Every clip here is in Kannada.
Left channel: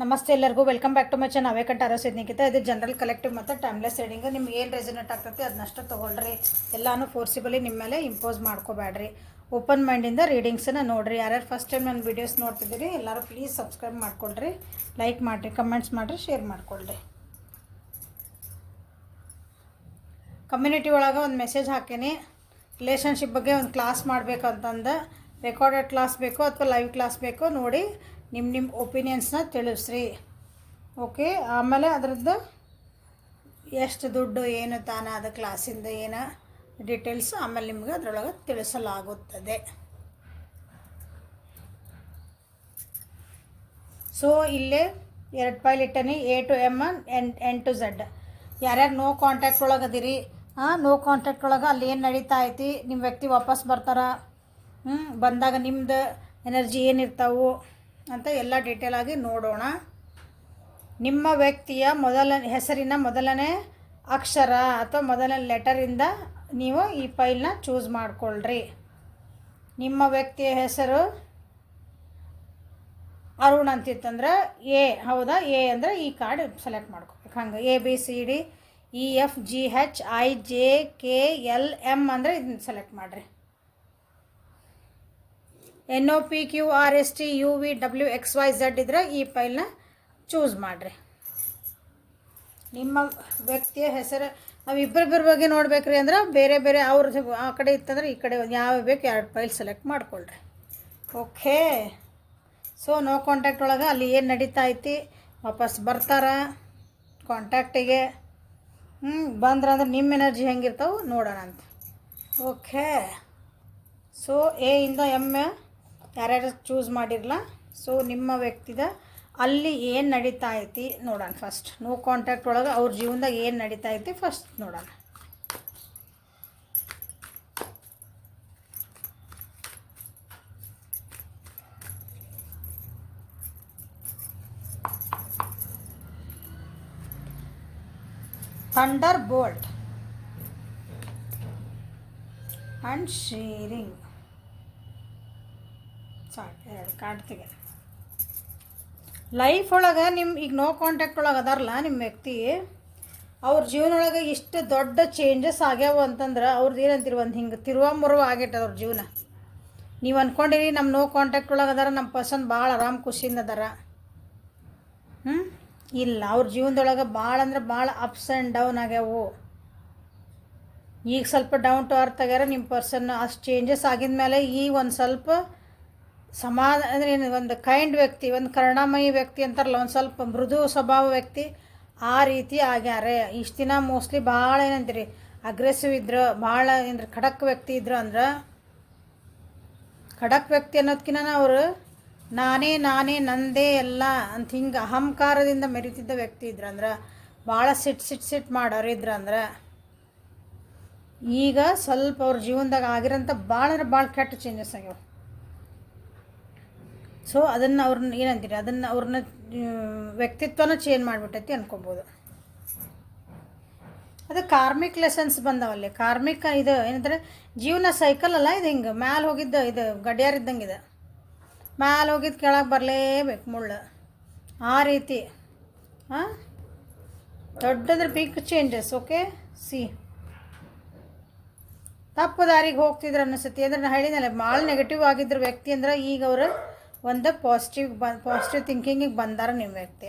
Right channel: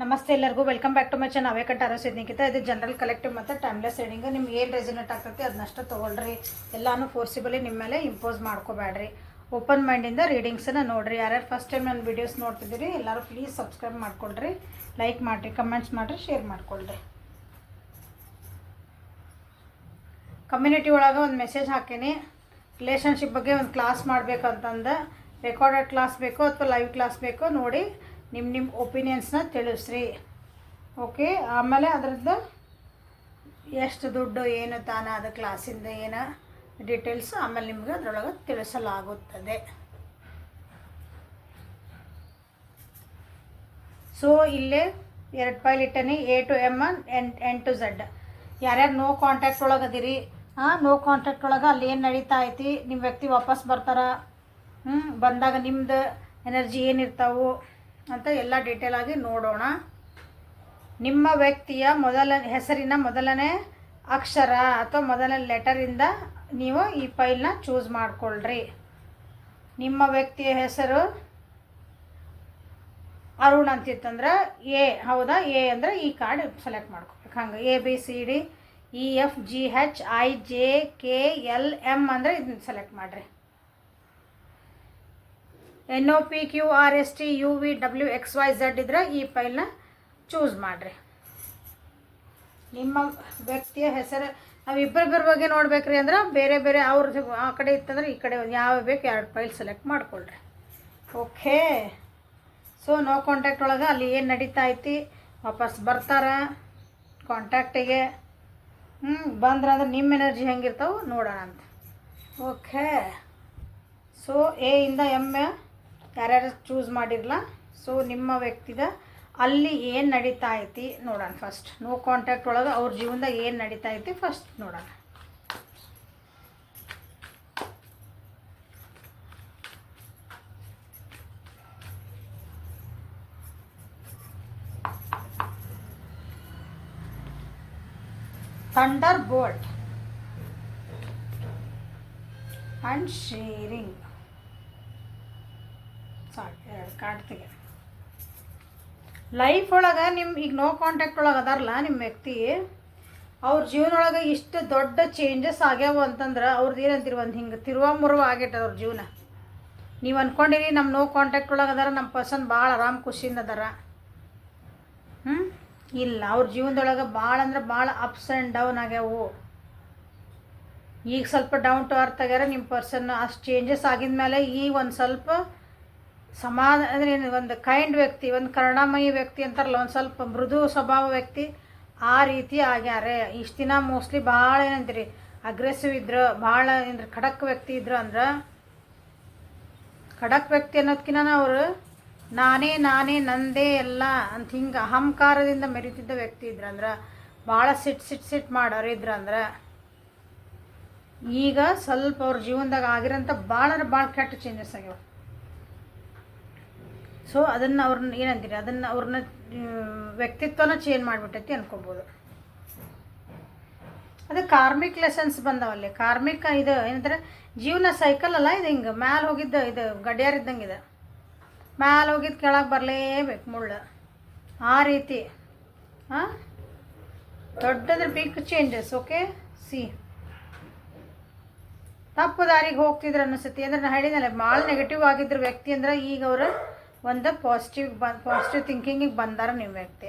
ನಮಸ್ತೆ ಎಲ್ಲರಿಗೂ welcome back to my channel ಅವೇಕಂಠ ಆರೋಸಿದ್ನಿಕಿತ ಇದು ಜನರಲ್ ಕಲೆಕ್ಟಿವ್ ಮತ್ತು ಟೈಮ್ಲೆಸ್ ರೀಡಿಂಗ್ ನಿಮ್ಗೆ ಏನು ರೆಸನೇಟ್ ಆಗ್ತೈತಿ ಅದನ್ನಷ್ಟು ತೊಗೊಳ್ರಿ. ಎಲ್ಲಾನು ಫೋರ್ಸಿಬಲಿ ನಿಮ್ಮ ಮೇಲೆ ಇಂಪೋಸ್ ಮಾಡ್ಕೋಬೇಡ್ರಿ. ಓಪನ್ ಮೈಂಡಿಂದ ರೀಡಿಂಗ್ಸನ್ನು ನೋಡಿರಿ. ಯಾರ್ಯಾರು ಫಸ್ಟ್ ಟೈಮ್ ನನ್ನ ವೀಡಿಯೋಸ್ ನೋಡ್ತಿದ್ದೀರಿ ಎಲ್ಲರೂ ಪ್ಲೀಸ್ ಸಬ್ಸ್ಕ್ರೈಬ್ ಮಾಡ್ಕೊಳ್ರಿ, ಲೈಕ್ ಮಾಡಿರಿ, ಕಮೆಂಟ್ಸ್ ಮಾಡಿರಿ, ಶೇರ್ ಮಾಡ್ಕೊಳ್ರಿ. ಕಮ್ಯುನಿಟಿ ಒಳಗೆ ಒಂದು ಮೆಸೇಜ್ ಹಾಕೀನಿ, ರಿಲೇಷನ್ಶಿಪ್ ಬಗ್ಗೆ ಒಂದು ಕ್ಲಾಸ್ ಮಾಡಬೇಕಂತಂದು. ರೆಕಾರ್ಡೆಡ್ ಕ್ಲಾಸ್ ಬೇಕೋ ಅಥವಾ ಲೈವ್ ಕ್ಲಾಸ್ ಬೇಕೋ ನೋಡಿ ನಿಮ್ಮ ಒಪಿನಿಯನ್ಸ್ನ ತಿಳಿಸ್ರಿ. ಓಕೆ, ಆಮೇಲೆ ಅದರದ್ದು ಎಷ್ಟು ದುಡ್ಡು ಏನು ತಾನ ಅದು ಕ್ಲಾಸಿಂದ ಏನು ಡೀಟೇಲ್ಸ್ ಆಮೇಲೆ ನಿಮ್ಗೆ ಅದರೊಳಗೆ ತಿಳಿಸಲಾಗುತ್ತದೆ. ಸೊ ಇಲ್ಲೇ 2 ಫೈಲ್ ಇಟ್ಟನಿ, A to M N to Z. ಯಾರ್ಯಾರು ನೋ ಕಾಂಟ್ಯಾಕ್ಟ್ ಒಳಗೆ ಅದಿರಿ, ನೋ ಕಾಂಟ್ಯಾಕ್ಟ್ ಒಳಗೆ ಅಲ್ಲಿ ಏನು ನಡೀತಾ ಐತಿ, ನಿಮ್ಮ ವ್ಯಕ್ತಿ ವಾಪಸ್ ಬರ್ತಾರ, ಬಂದಾಗ ನಿಮ್ದು ಎನರ್ಜಿ ಏನಿರ್ತಾವು ಅಂತ ಎಲ್ಲ ಡೀಟೇಲ್ ಆಗಿ ನೋಡೋಣ. ನಿಮ್ಮ ವ್ಯಕ್ತಿಯ ಹೆಸರಿನ ಮೊದಲನೇ ಅಕ್ಷರ ಅಥವಾ ಮೊದಲನೇ ಲೆಟರಿಂದ ನೀವು ಈ ಫೈಲ್ನ ಚೂಸ್ ಮಾಡ್ಕೊಳ್ರಿ. ನಿಮ್ಮ ವ್ಯಕ್ತಿಯ ಹೆಸರು ಅರುಣ್ ಅಂತಿತ್ತಂದ್ರೆ ಎ, ಹೌದಾ? ಎ ಅಂದರೆ ಈ ಕಾರ್ಡ್ ಸೆಲೆಕ್ಟ್ ಮಾಡ್ಕೋಬೇಕು. ಹಂಗೆ ABCDEFGHIJKLM ಅಂದರೆ ಇದನ್ನ ಸೆಲೆಕ್ಟ್ ಮಾಡಿರಿ. NOPQRSTUVWXYZ ಇದ್ರೆ ಈ ಫೈಲ್ನ ಚೂಸ್ ಮಾಡಿರಿ. ನಿಮ್ಮ ವ್ಯಕ್ತಿಯ ಹೆಸರು ನಾವು ಇಬ್ಬರಿಬ್ಬರ ಬಗ್ಗೆ ನೋಡ್ಬೇಕ್ರಿ ಅಂದ್ರೆ ಬೇರೆ ಬೇರೆ ಅವ್ರದ್ದು ಆ ಕಡೆ ಇತ್ತಂದ್ರೆ ಈ ಕಡೆ ಯಾವ ಬೇಕು 2 ಫೈಲ್ ಸೆಲೆಕ್ಟ್ ಮಾಡ್ಕೊಳ್ರಿ. ಓಕೆ, ಸೊ ನೋ ಕಾಂಟ್ಯಾಕ್ಟ್ ಒಳಗೆ ಅಲ್ಲಿ ಏನು ನಡೀತಾ ಐತಿ, ವಾಪಸ್ ಬರ್ತಾರ ಕಾಂಟ್ಯಾಕ್ಟಿಗೆ, ಬಂದ್ರಂದ್ರೆ ನಿಮ್ಮ ಎನರ್ಜಿ ಹೆಂಗಿರ್ತಾವೆ ನೋಡೋಣ ಅಂತ. ಓಕೆ, ಸೊ A ಇಂದ M ಯಾರ್ಯಾರು ಚೂಸ್ ಮಾಡಿರಲ್ಲ. ಸೊ ನಿಮ್ಮ ವ್ಯಕ್ತಿದ ಅಲ್ಲಿ ಏನು ನಡೀತಾ ಐತಿ ನೋಡೋಣ. ಫಸ್ಟ್ ನೋ ಕಾಂಟ್ಯಾಕ್ಟ್ ಒಳಗೆ ಅವ್ರ ಜೀವನದಾಗ ಏನು ನಡೀತಾ ಐತಿ ಫಸ್ಟ್ ನೋಡೋಣ. Thunderbolt and sharing. ಸಾಕು, 2 ಕಾರ್ಡ್ ತೆಗೆ. ಲೈಫ್ ಒಳಗೆ ಈಗ ನೋ ಕಾಂಟ್ಯಾಕ್ಟ್ ಒಳಗೆ ಅದಾರಲ್ಲ ನಿಮ್ಮ ವ್ಯಕ್ತಿ, ಅವ್ರ ಜೀವನ ಒಳಗೆ ಇಷ್ಟು ದೊಡ್ಡ ಚೇಂಜಸ್ ಆಗ್ಯಾವ ಅಂತಂದ್ರೆ ಅವ್ರದ್ದು ಏನಂತೀರಿ, ಒಂದು ಹಿಂಗೆ ತಿರುವ ಆಗೈತೆ ಅವ್ರ ಜೀವನ. ನೀವು ಅಂದ್ಕೊಂಡಿರಿ ನಮ್ಮ ನೋ ಕಾಂಟ್ಯಾಕ್ಟ್ ಒಳಗೆ ಅದಾರ, ನಮ್ಮ ಪರ್ಸನ್ ಭಾಳ ಆರಾಮ್ ಖುಷಿಯಿಂದ ಅದಾರ. ಇಲ್ಲ, ಅವ್ರ ಜೀವನದೊಳಗೆ ಭಾಳ ಅಂದ್ರೆ ಭಾಳ ಅಪ್ಸ್ ಆ್ಯಂಡ್ ಡೌನ್ ಆಗ್ಯಾವು. ಈಗ ಸ್ವಲ್ಪ ಡೌನ್ ಟು ಅರ್ತ್ ಆಗ್ಯಾರ ನಿಮ್ಮ ಪರ್ಸನ್. ಅಷ್ಟು ಚೇಂಜಸ್ ಆಗಿದ ಮೇಲೆ ಈಗ ಒಂದು ಸ್ವಲ್ಪ ಅಂದರೆ ಒಂದು ಕೈಂಡ್ ವ್ಯಕ್ತಿ, ಒಂದು ಕರುಣಾಮಯಿ ವ್ಯಕ್ತಿ ಅಂತಾರಲ್ಲ, ಒಂದು ಸ್ವಲ್ಪ ಮೃದು ಸ್ವಭಾವ ವ್ಯಕ್ತಿ, ಆ ರೀತಿ ಆಗ್ಯಾರೆ. ಇಷ್ಟು ದಿನ ಮೋಸ್ಟ್ಲಿ ಭಾಳ ಏನಂತೀರಿ ಅಗ್ರೆಸಿವ್ ಇದ್ರು, ಭಾಳ ಏನ್ರಿ ಖಡಕ್ ವ್ಯಕ್ತಿ ಇದ್ರು ಅಂದ್ರೆ, ಖಡಕ್ ವ್ಯಕ್ತಿ ಅನ್ನೋದಕ್ಕಿಂತ ಅವರು ನಾನೇ ನಂದೇ ಎಲ್ಲ ಅಂತ ಹಿಂಗೆ ಅಹಂಕಾರದಿಂದ ಮೆರಿತಿದ್ದ ವ್ಯಕ್ತಿ ಇದ್ರಂದ್ರೆ, ಭಾಳ ಸಿಟ್ ಮಾಡೋರು ಇದ್ರಂದ್ರೆ, ಈಗ ಸ್ವಲ್ಪ ಅವ್ರ ಜೀವನದಾಗ ಆಗಿರೋಂಥ ಭಾಳ ಕೆಟ್ಟ ಚೇಂಜಸ್ ಆಗ್ಯಾವ. ಸೊ ಅದನ್ನು ಅವ್ರನ್ನ ಏನಂತೀರಿ, ಅವ್ರನ್ನ ವ್ಯಕ್ತಿತ್ವನ ಚೇಂಜ್ ಮಾಡಿಬಿಟ್ಟೈತಿ ಅನ್ಕೋಬೋದು. ಅದು ಕಾರ್ಮಿಕ್ ಲೆಸನ್ಸ್ ಬಂದವಲ್ಲಿ. ಕಾರ್ಮಿಕ ಇದು ಏನಂದ್ರೆ ಜೀವನ ಸೈಕಲ್ ಅಲ್ಲ ಇದು, ಹಿಂಗೆ ಮ್ಯಾಲೆ ಹೋಗಿದ್ದು ಇದು ಗಡಿಯಾರ ಇದ್ದಂಗೆ ಇದೆ, ಮ್ಯಾಲೆ ಹೋಗಿದ್ದು ಕೆಳಗೆ ಬರಲೇಬೇಕು ಮುಳ್ಳು, ಆ ರೀತಿ. ದೊಡ್ಡದ್ರ ಬಿಗ್ ಚೇಂಜಸ್. ಓಕೆ, ತಪ್ಪು ದಾರಿಗೆ ಹೋಗ್ತಿದ್ರು ಅನಿಸುತ್ತೆ. ಅಂದ್ರೆ ನಾನು ಹೇಳಿದ್ನಲ್ಲ, ಭಾಳ ನೆಗೆಟಿವ್ ಆಗಿದ್ರು ವ್ಯಕ್ತಿ ಅಂದ್ರೆ ಈಗ ಅವರು ಒಂದು ಪಾಸಿಟಿವ್ ಥಿಂಕಿಂಗಿಗೆ ಬಂದಾರ ನಿಮ್ಮ ವ್ಯಕ್ತಿ.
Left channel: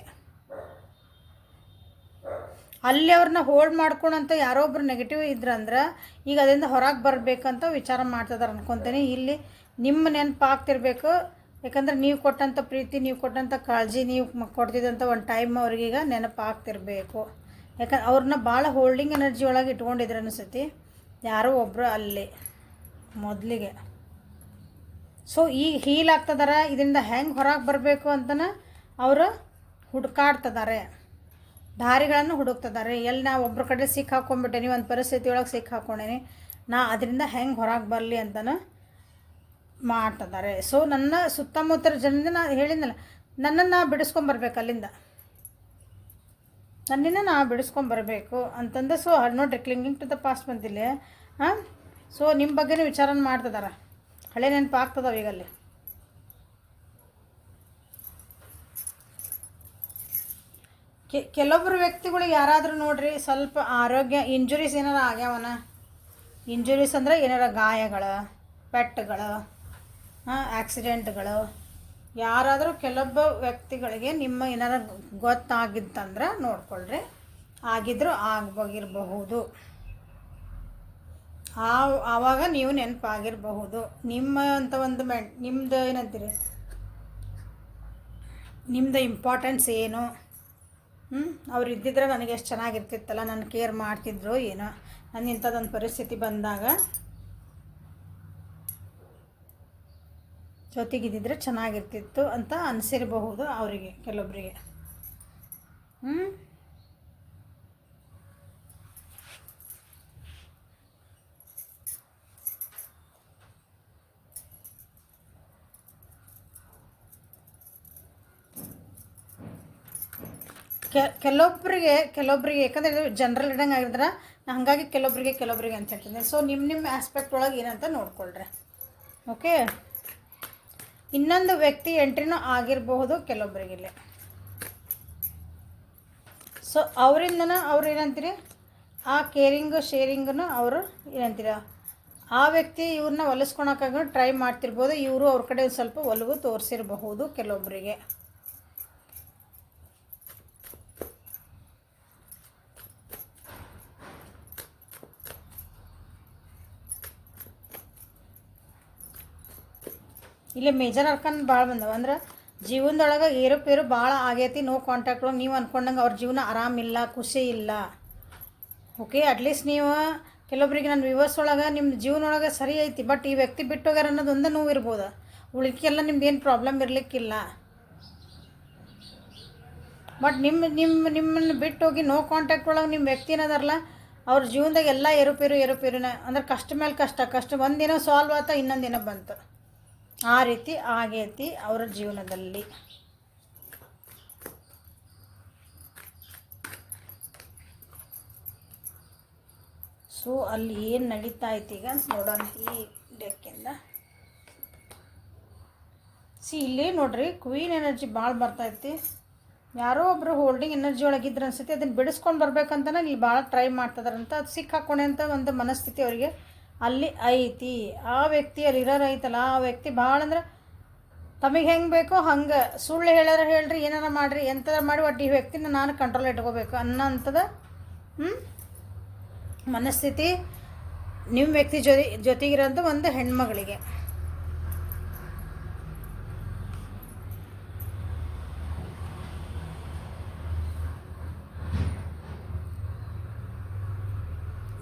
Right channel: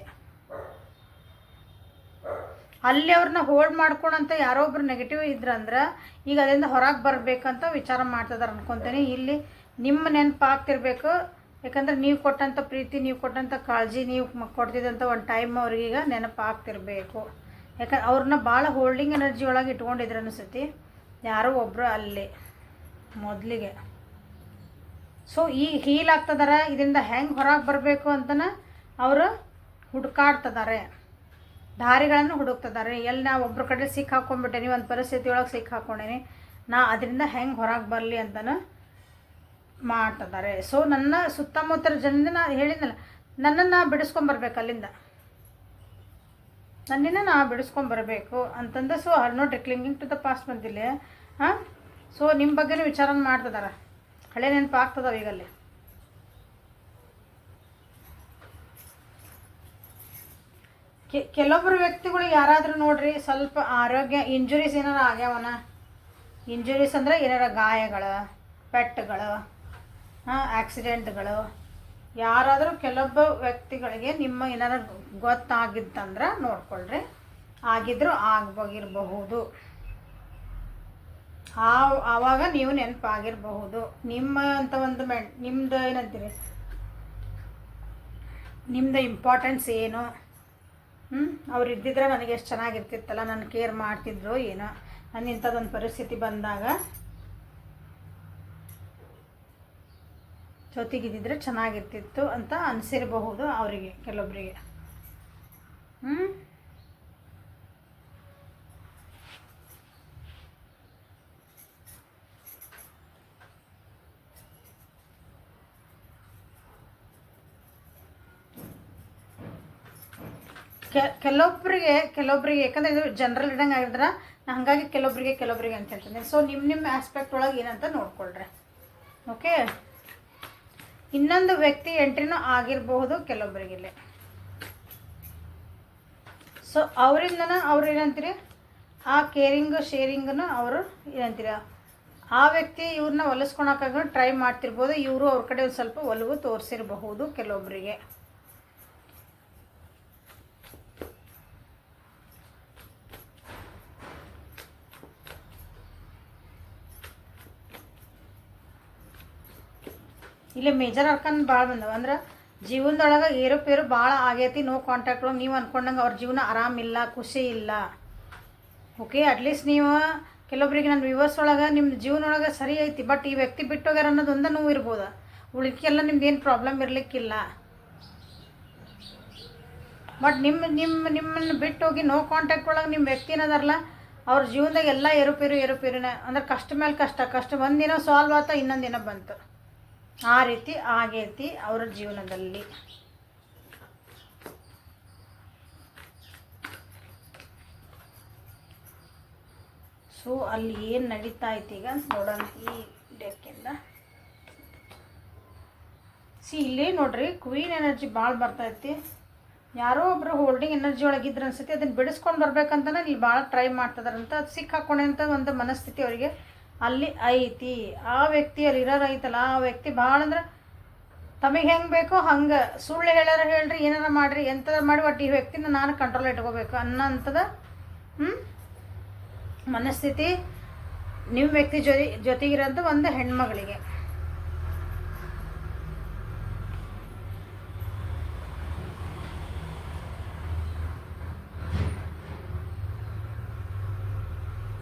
ಅಲ್ಲಿ ಅವ್ರನ್ನ ಹೋಲ್ಡ್ ಮಾಡ್ಕೊಳಂತ ಯಾರೊಬ್ರು ನೆಗೆಟಿವ್ ಇದ್ರಂದ್ರೆ ಈಗ ಅದರಿಂದ ಹೊರಗೆ ಬರಬೇಕಂತ ವಿಚಾರ ಮಾಡ್ತಿದಾರೆ ಅನ್ಕೊತೀನಿ. ಇಲ್ಲಿ ನಿಮ್ಮ ನೆನಪು ಆಗ್ತಿರ್ಬೇಕು, ಯಾಕಂದ್ರೆ ನೀವು ಕೊಟ್ಟಂಥ ಪ್ರೀತಿ, ನೀವು ಕೊಟ್ಟಂಥ ಕಾಳಜಿ, ನೀವು ಕೊಡ್ತಿದ್ದಂಥ ಒಂದು ಟೈಮ್ ಅವ್ರಿಗೀಗ ನೆನಪು ಆಗ್ತಿರ್ಬೇಕು. ಯಾಕಂದ್ರೆ ಅವ್ರನ್ನ ಭಾಳ ಹೋಲ್ಡಿಂಗ್ ಎನರ್ಜಿ ಒಳಗೆ ಇಟ್ಕೊಂಡಿದ್ರು ಅನಿಸುತ್ತೆ ಯಾರೋ ಒಬ್ಬರು ಅಲ್ಲಿ ಮೊದಲಿಗೆ. ಸೊ ಈಗ ಹೀಲ್ ಆಗ್ತದಾರೆ, ಇದರಿಂದ ಹೆಂಗೆ ಹೊರಗೆ ಬರಬೇಕು ಅಂತನ ಅವರು ಹುಡುಕಾಡ್ತಿದ್ದಾರೆ, ದಾರಿಗಳನ್ನು ಹುಡುಕ್ತಿದ್ದಾರೆ. ಎಲ್ಲಿ ನಾ ಒಬ್ಬರ ಕಡೆ ಸಿಕ್ಕಾಕೊಂಡ್ಬಿಟ್ಟೇನಿ, ಒಂದು ಪರಿಸ್ಥಿತಿ ಒಳಗೆ ಸಿಕ್ಕಾಕೊಂಡೇನಿ, ನಾ ಅದರಿಂದ ಹೆಂಗೆ ಹೊರಗೆ ಬರಲಿ ಅಂತನ ಮಾಡ್ತಿದ್ದಾರೆ. ಸೊ ನನ್ನ ಸುತ್ತಮುತ್ತಲ ಜನರಿಂದ ನಾ ಹೇಳಿದ್ನಲ್ಲ, ನನ್ನನ್ನು ಬಿಡಿಸ್ಕೊಂಬರ್ಬೇಕು ಅಲ್ಲಿಂದ, ನನ್ನಿಂದ ನಾ ಬಿಡಿಸ್ಕೊಂಬರ್ಬೇಕು ಅಂತಂದು. ಸೊ ನೋಡ್ರಿ, ಕ್ಲಿಂಗಿಂಗ್ ಟು ದ ಪಾಸ್ಟ್ ಬಂದಿಲ್ಲ. ಸೊ ನಿಮ್ಮ ಬಗ್ಗೆನೇ ವಿಚಾರ ಮಾಡ್ತಿದ್ದಾರೆ, ಹಳೆ ನೆನಪು ಆಗ್ತದವ ಈಗಲ್ಲಿ. ಕೆಲವೊಬ್ಬರು ವ್ಯಕ್ತಿಗಳು ಯಾರಾದರೂ ನೋಡ್ರಿ ಸ್ವಲ್ಪ ಆರೋಗ್ಯ ಇಂಜುರೀಸ್ ಏನಾರ ಆಗ್ಯಾವನ. ಇಂಜುರೀಸ್ ಅಂದರೆ ಏನಾರ ಗಾಯಗಳು, ಪೆಟ್ಟುಗಳು, ಆಕ್ಸಿಡೆಂಟ್ಗಳು, ಯಾರಾದರೂ ಕೆಲವೊಬ್ಬ ವ್ಯಕ್ತಿಗಳಿಗೆ ನಿಮ್ಮ ಏನಾರ ಗೊತ್ತಾಗಿತ್ತಂದ್ರೆ ನೋಡ್ಕೊಳ್ರಿ. ಆಗಿದ್ರೂ ಆಗಬಹುದು. ಆವಾಗ ನೀವು ನೆನಪಾಗಿರಬಹುದು. ನಿಮ್ಮ ಅಂತ ಒಂದು ನಿಮ್ಮದು ಏನಂತೀರಿ, ನಿಮ್ಮದು ಇಂಪಾರ್ಟೆನ್ಸ್ ಏನು, ಅವ್ರು ಇದ್ದಿದ್ರೆ ನನಗೆ ಎಷ್ಟು ಚೆನ್ನಾಗಿರ್ತಿತ್ತಲ್ಲ, ನನ್ನ ಕೇರ್ ಮಾಡ್ತಿದ್ರು ಏನೋ, ನಾನು ಇಂಥದ್ದೊಂದು ಪರಿಸ್ಥಿತಿ ಬಂದಾಗ ಜೊತೆಗಿದ್ದಿದ್ರೆ ಚೆನ್ನಾಗಿರ್ತಿತ್ತು ಅಂತ ಅನಿಸಿರಬಹುದು ಅವರಿಗೆ, ಕೆಲವೊಬ್ಬರಿಗೆ. ಕೆಲವೊಬ್ಬರಿಗೆ ಯಾಕಂದರೆ ಇದು ಜನರಲ್ ಇಡಂಗೆ ಆಗಿದ್ರೆ ಹಾಗಾಗಿ ಕೆಲವೊಬ್ಬರಿಗೆ ಅಂತ ಹೇಳ್ತೀನಿ. ಸೊ ನಿಮ್ಮ ಆಸ್ಪೆಕ್ಟ್ ಒಳಗೆ ಏನಂತ ನೋಡ್ಕೊಳ್ರಿ. ಓಕೆ, ಇನ್ನೊಂದು ವ್ಯಕ್ತಿ ಎಂಟ್ರಿನೂ ಆಗಿರಬಹುದು ಕೆಲವೊಬ್ಬರಿಗಿಲ್ಲ. ಸೊ ಅವರಿಂದನ ಅವ್ರು ಏನಂತೀರಿ, ಆ ಕೇರಿಂಗು ಶೇರಿಂಗನ್ನು ಅವರು ಏನಂತೀರ, ಆ ವ್ಯಕ್ತಿ ಇವ್ರನ್ನ ಹೊಲಿಸ್ಕೊಳಕ್ಕಾಗ ಟ್ರೈ ಮಾಡ್ತಿರ್ಬೋದು. ಇವರು ಅವ್ರ ಕಡೆ ಒಂದು ಸ್ವಲ್ಪ ಒಲವು ತೋರಿಸಿರಬಹುದು ಕೆಲವೊಬ್ಬರಿಗೆ. ಇಲ್ಲಿ ಮೇಜರ್ ಅರ್ಕನ್ ಭಾಳ ಬಂದವ. ಅಂದ್ರೆ ಜೀವನದೊಳಗೆ ಏರುಪೇರು ಭಾಳ ಆಗೈತಿ. ನೋ ಕಾಂಟ್ಯಾಕ್ಟ್ ಒಳಗೆ ನೀವು ಅಂದ್ಕೊಂಡಂಗೆ ಅವ್ರ ಜೀವನ ಆರಾಮಿಲ್ಲ, ಖುಷಿ ಇಲ್ಲ. ಓಕೆ, ಅಟ್ಲೀಸ್ಟ್ ನೀವು ಕೆಲವೊಬ್ಬರಿಗೆ ನನ್ನ ವ್ಯೂವರ್ಸ್ ಒಳಗೆ ನಿಮ್ಮ ಜೀವನ ಒಳಗೆ ಸರಿ ಐತಿ, ಬಟ್ ಈ ವ್ಯಕ್ತಿ ಬಿಟ್ಟೋಗ್ಯಾರ ಅನ್ನೋದೊಂದು ನೋವು ಇರ್ಬೋದು. ಉಳಿಕೆಲ್ಲ ನಿಮ್ದು ಏನು ಪ್ರಾಬ್ಲಮ್ ಇರಲಿಕ್ಕಿಲ್ಲ. ಬಟ್ ನಿಮ್ಮನ್ನು ಬಿಟ್ಟೋಗಿ ನೋ ಕಾಂಟ್ಯಾಕ್ಟ್ ಒಳಗೆ ನಿಮ್ಮ ವ್ಯಕ್ತಿ ಏನದಾರಲ್ಲ, ಅವ್ರ ಜೀವನದಾಗ ಎಲ್ಲ ಏರುಪೇರಿನ ಅಂದ್ರೆ ಕಷ್ಟ ಮೇಲೆ ಕಷ್ಟ ಒಂದಿನ ಸಾಲ್ವ್ ಆತ, ಇನ್ನೊಂದಿನ ಬಂತು. ಆ ರೀತಿ ಆಗೈತಿ ಅವರ ಜೀವನದಲ್ಲಿ. ಸೊ ಅಲ್ಲಿ ಏನು ನಡೀತಾ ಐತಿ ಈಗ ನೋಡೋಣ ಈ ಡೆಕ್ಕಿಂದ. ಇಲ್ಲೇ ನೋಡ್ರಿ, ಕ್ವೀನ್ ಎನರ್ಜಿ ಭಾಳ ಬರ್ತೈತಿ. ಯಾರೋ ಒಬ್ಬರು ಹೋಲ್ಡಿಂಗ್ ಎನರ್ಜಿ ಒಳಗಿದ್ರೆ ಅನ್ಸುತ್ತೆ, ಅದನ್ನು ಬಿಡಿಸ್ಕೊಂಡು ಬರ್ಬೇಕಂತನೇ ಇಲ್ಲಿ ಭಾಳ ಟ್ರೈ ಮಾಡ್ತಿದಾರಂತ. ಅದು ಸಿಕ್ಕಾಕೊಂಡೆ ಅಂತ ಒಂದು ಮನಸ್ಥಿತಿ ಅವರಿಗೆ ಅಲ್ಲಿ ಐತಿ. ಆ ವ್ಯಕ್ತಿ ಅಲ್ಲಿ ಇರೋರು ಐತಲ್ಲ, ಆ ವ್ಯಕ್ತಿ ಭಾಳ ಅಂದ್ರೆ ತಮಗೆ ಹೆಂಗೆ ಬೇಕೋ ಹಂಗೆ ಸುಳ್ಳು ಹೇಳ್ರಿ, ಏನಾರ ಮಾಡಿರಿ, ಎಂಥದ ಮಾಡಿ ಒಟ್ಟು ಈ ವ್ಯಕ್ತಿನ ನಾನು ಕಂಟ್ರೋಲ್ ಇಟ್ಕೋಬೇಕು ಅನ್ನೋಂಥದ ಮನಸ್ಥಿತಿ ನಿಮ್ಮ ವ್ಯಕ್ತಿ ಜೊತೆಗಿರೋಂಥ ಒಂದು ಹೆಣ್ಮಗಳಿಗೆ.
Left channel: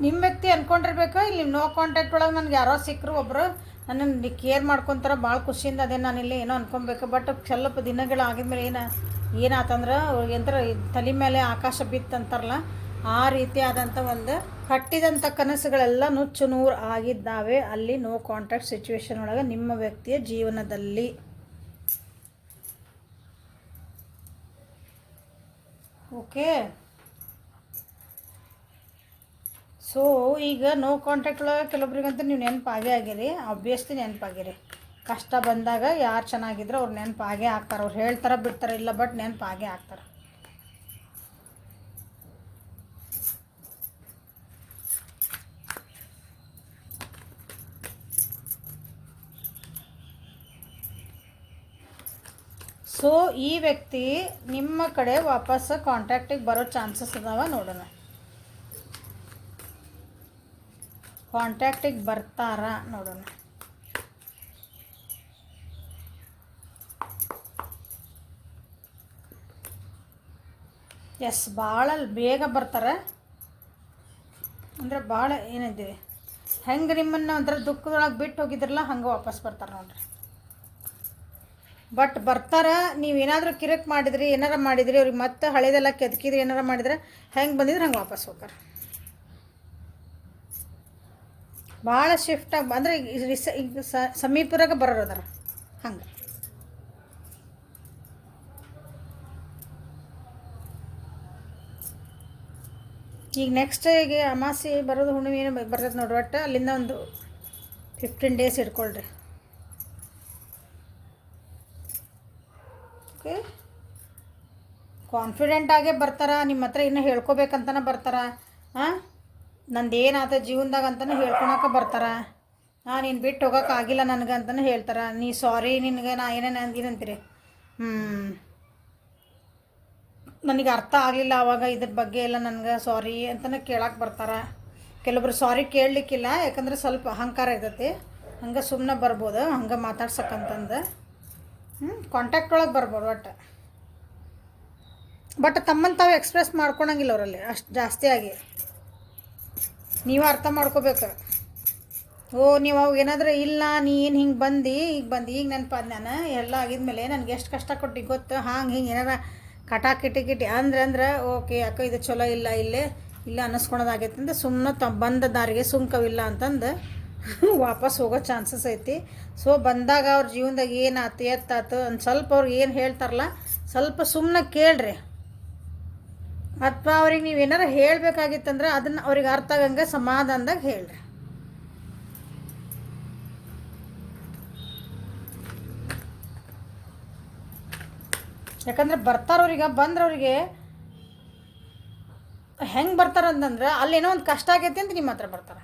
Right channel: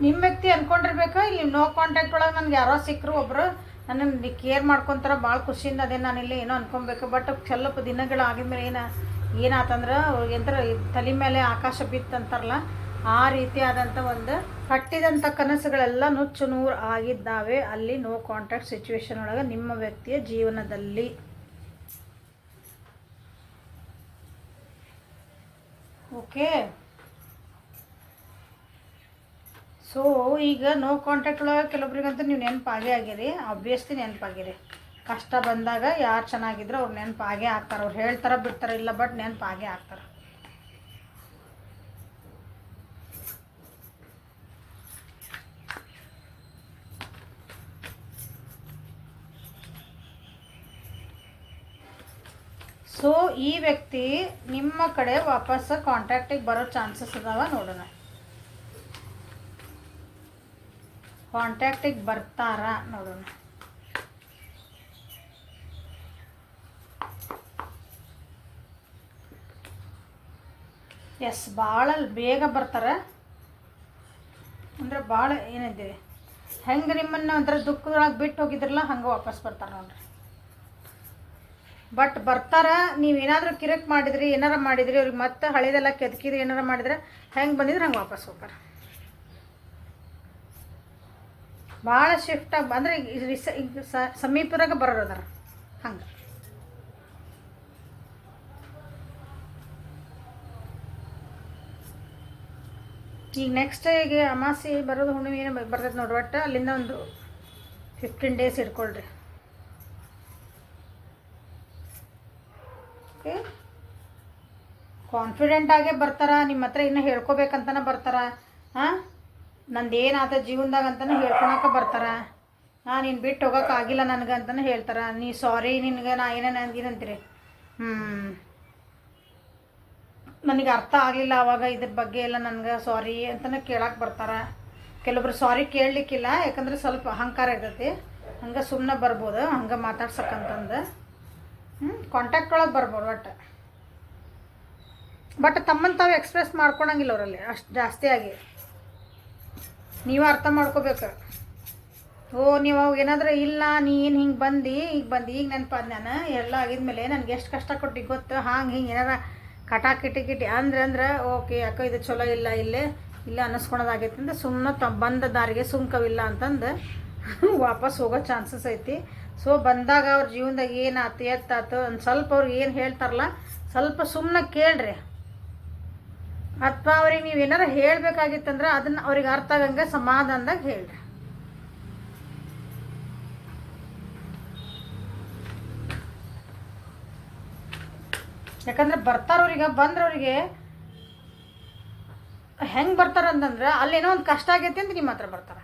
ನಿಮ್ಮ ವ್ಯಕ್ತಿ ಅಂದ್ಕೊಂಡಿರ್ಬೇಕು, ಇಲ್ಲಿ ನೋ ಕಾಂಟ್ಯಾಕ್ಟ್ ಒಳಗೆ ನನಗೆ ಯಾರೋ ಸಿಕ್ಕರು ಒಬ್ಬರು ನನ್ನನ್ನು ಕೇರ್ ಮಾಡ್ಕೊತಾರೆ, ಭಾಳ ಖುಷಿಯಿಂದ ಅದೇ ನಾನಿಲ್ಲಿ ಏನೋ ಅನ್ಕೊಬೇಕು. ಬಟ್ ಸ್ವಲ್ಪ ದಿನಗಳು ಆಗಿದ್ಮೇಲೆ ಏನಾತಂದ್ರೆ ಎಂತರ ತಲೆ ಮೇಲೆ ಆಕಾಶ ಬಿತ್ತಂತಾರಲ್ಲ, ಆ ರೀತಿಯಾದಂಥ ಒಂದು ಕಟ್ಟಿದಂಥ ಕನಸುಗಳೆಲ್ಲ ನುಚ್ಚು ನೂರು ಆಗಿದ್ದಾವೆ ಅಲ್ಲಿ ನೋ ಕಾಂಟ್ಯಾಕ್ಟ್ ಸಿಚುವೇಶನ್ ಒಳಗೆ ನಿಮ್ಮ ವ್ಯಕ್ತಿಯ ಜೀವನದಲ್ಲಿ. ಓಕೆ, ಸೊ ಈಗ ನೋ ಕಾಂಟ್ಯಾಕ್ಟ್ ಒಳಗೆ ಕೆಲವೊಬ್ರಿಗಂತೂ ನೀವು ನೆನಪಾಗೇ ಆಗಿರಿ, ಆಬ್ವಿಯಸ್ಲಿ ನೆನಪಾಗಿರಿ. ಕಷ್ಟ ಬಂದಾಗ ಯಾರು ಚೆನ್ನಾಗಿದ್ರು ಅವ್ರು ನೆನಪಾಗೇ ಆಗ್ತಾರೆ. ಅವ್ರು ಹೇಳ್ತಾರೆ ಬಿಡ್ತಾರೆ ಇಲ್ಲ, ಬಟ್ ನೆನಪಾಗೇ ಆಗ್ತಾರೆ. ಸೊ ಈ ವ್ಯಕ್ತಿ ನಿಮ್ಮ ಕಡೆ ವಾಪಸ್ ಕಾಂಟ್ಯಾಕ್ಟಿಗೆ ಬರೋ ಚಾನ್ಸಸ್ ಇದಾವ. ನೋಡೋಣ, ಕಾಂಟ್ಯಾಕ್ಟಿಗೆ ಬರ್ತಾರ ನೋಡೋಣ. ಎಸ್, ಭಾಳ ಬೇಗ ಬರ್ತಾರೆ. ಅಂದರೆ ಭಾಳ ಏನಿದೆ, ಹೆಂಗೆ ನಿಮ್ಮನ್ನು ಒಂಥರ ದುಃಖದೊಳಗೆ ಬಿಟ್ಟು ಹೋಗಿದ್ರಲ್ಲ ಹಂಗೆ ವಾಪಸ್ ಬರ್ತಾರೆ ನೋಡ್ರಿ. ಬಟ್ ಬರ್ತಾರ, ನೀವೇನಾದರೂ ಕಿರಿಕ್ ಮಾಡಿದ್ರಿ, ಏನಾರ ಮಾಡಿದ್ರಿ, ಅವ್ರಿಗೆ ಮತ್ತೆ ಹಳೇದೆಲ್ಲ ಕೆದಕಿದ್ರಿ, ಏನಾರ ಮಾಡಿದ್ರೆ ಹೆಂಗೆ ಬಂದಿದ್ರೆ ಹಂಗೆ ವಾಪಸ್ ಹೋಗ್ತಾರೆ. ಭಾಳ ಶಿಫ್ಟ್ ಆಗಿ ಅಂದರೆ ಈಗ ಸಮೀಪರಾಗ ಬರೋದರ ಹಂಗೆ. ಈಗ ನೆಕ್ಸ್ಟ್ ಈಗ ಅಮಾಸೆ ಬರೋದು, ಹುಣ್ಣಿಮೆ ಏನು ಬರ್ತೈತೆ ನೋಡ್ರಿ. ಒಟ್ಟು ಅಲ್ಲಿಂದ ಒಂದು 15 ಡೇಸ್ ಇಟ್ಕೊಳ್ರಿ. ಓಕೆ, ಕಾನ್ಫಿಡೆಂಟಾಗೇ ಬರ್ತಾರ, ನಿಮ್ಮ ಹತ್ರ ಇನ್ನೂ ಹೇಳ್ಕೊಬೇಕಂತನೇ ಬರ್ತಾರ. ಹಾಂ, ನಂದು ಏನಾದ ಜೀವನದಾಗ ಅಂತಲೇ ಹೇಳ್ಕೊಳಕ್ಕೆ ಬರ್ತಾರ. ನೀನು ಬಿಟ್ಟು ಹೋಗೋಕ್ಕಾಗಿಲ್ಲ ನನಗೆ ಅಂತಲೇ ಹೇಳ್ತಾರೆ. ನೀ ಸಾರಿ, ನಿನಗೆ ನಾ ಏನಂತೀರಿ, ನನಗೆ ಅರ್ಥ ಆಗಲಿಲ್ಲ ಆವಾಗ ಇದ್ರ ಬಗ್ಗೆ ಎಲ್ಲ, ನನಗೆ ಸಾರಿ ಅಂತಲೇ ಕೇಳಕ್ಕೆ ಬರ್ತಾರೆ. ಕೆಲವೊಬ್ರು ಸಾರಿ ಕೇಳಲಿಕ್ಕಿಲ್ಲ, ಯಾಕಂದ್ರೆ ಸ್ವಲ್ಪ ಅಹಂಕಾರ ಇರ್ತೈತಿ, ಹಂಗೆ ಸುಮ್ಮನೆ ಬರ್ಬೋದು, ಹಂಗೆ ಮಾತಾಡ್ಸಕ್ಕಂತಂದು ಕಾಂಟ್ಯಾಕ್ಟ್ ಒಳಗೆ ಬರ್ಬೋದು. ಬಟ್ ತಮ್ಮನ್ನು ತಾವು ಎಕ್ಸ್ಪ್ರೆಸ್ ಮಾಡ್ಕೊಳಂಗಿಲ್ಲ ಅವರಲ್ಲಿ ಅಷ್ಟು ಜಾಸ್ತಿ ಆಗಿ. ನೀವು ಅರ್ಥ ಮಾಡ್ಕೋಬೇಕು. ನೀವು ಅವಾಗ ಏನಾದರೂ ಇಲ್ಲ, ನೀ ಏನು ಹಿಂಗೆ ಈಗ ನೆನಪಾದ ನಾನು ಎಲ್ಲ ಆಗಿದ್ಮೇಲೆ ನನಗೆ ಎಷ್ಟು ಕಷ್ಟ ಕೊಟ್ಟು ಗೊತ್ತು, ಹಿಂಗೆ ಏನಾರ ಕಿಟಿ ಅಂದ್ರೆ ಓಕೆ ಯಾಕೋ ಇದು ಚಲೋ ಇಲ್ಲ, ಇಲ್ಲ ಅನ್ನಿಸ್ಕೊಳೋದಾಗೈತೆ ಅಂತ ಸುಮ್ಮನೆ ಬಂದ ದಾರಿಗೆ ಸುಮ್ಕವಿಲ್ಲ ಅಂತಂದು ವಾಪಸ್ ಹೋಗೋ ಚಾನ್ಸಸ್ ಐತಿ. ಸೊ ಬಂದಾಗ ಅವ್ರ ಜೀವನದಾಗ ಏನಾಯ್ತು ಎತ್ತಾತು ಒಂದು ಸ್ವಲ್ಪ ಅವ್ರು ಏನು ಹೇಳ್ತಾರಲ್ಲ ಸ್ವಲ್ಪ ಸುಮ್ಮನೆ ಕೇಳ್ರಿ. ಅಥವಾ ಅವ್ರಿಗೆ ನೀವು ಏನಾರು ಹೇಳಬೇಕಾಗಿತ್ತಂದ್ರೆ ಅದನ್ನು ಅವ್ರಿಗೆ ಅರ್ಥ ಆಗಂಗೆ ಸಮಾಧಾನದಾಗ ಹೇಳ್ರಿ. ಯಾಕಂದ್ರೆ ಬರ್ತಾರವ್ರಿಗೆ ಬಂದ್ರವ್ರಿಗೆ ಹೆಂಗೆ ಬರ್ತಾರಂತಂದ್ರೆ ಅಲ್ಲೇನೋ ಒಂದು ಕಷ್ಟ ಆಗೈತಿ ಅಂತ ನಿಮ್ಮ ಹತ್ರ ಬರ್ತಾರೆ.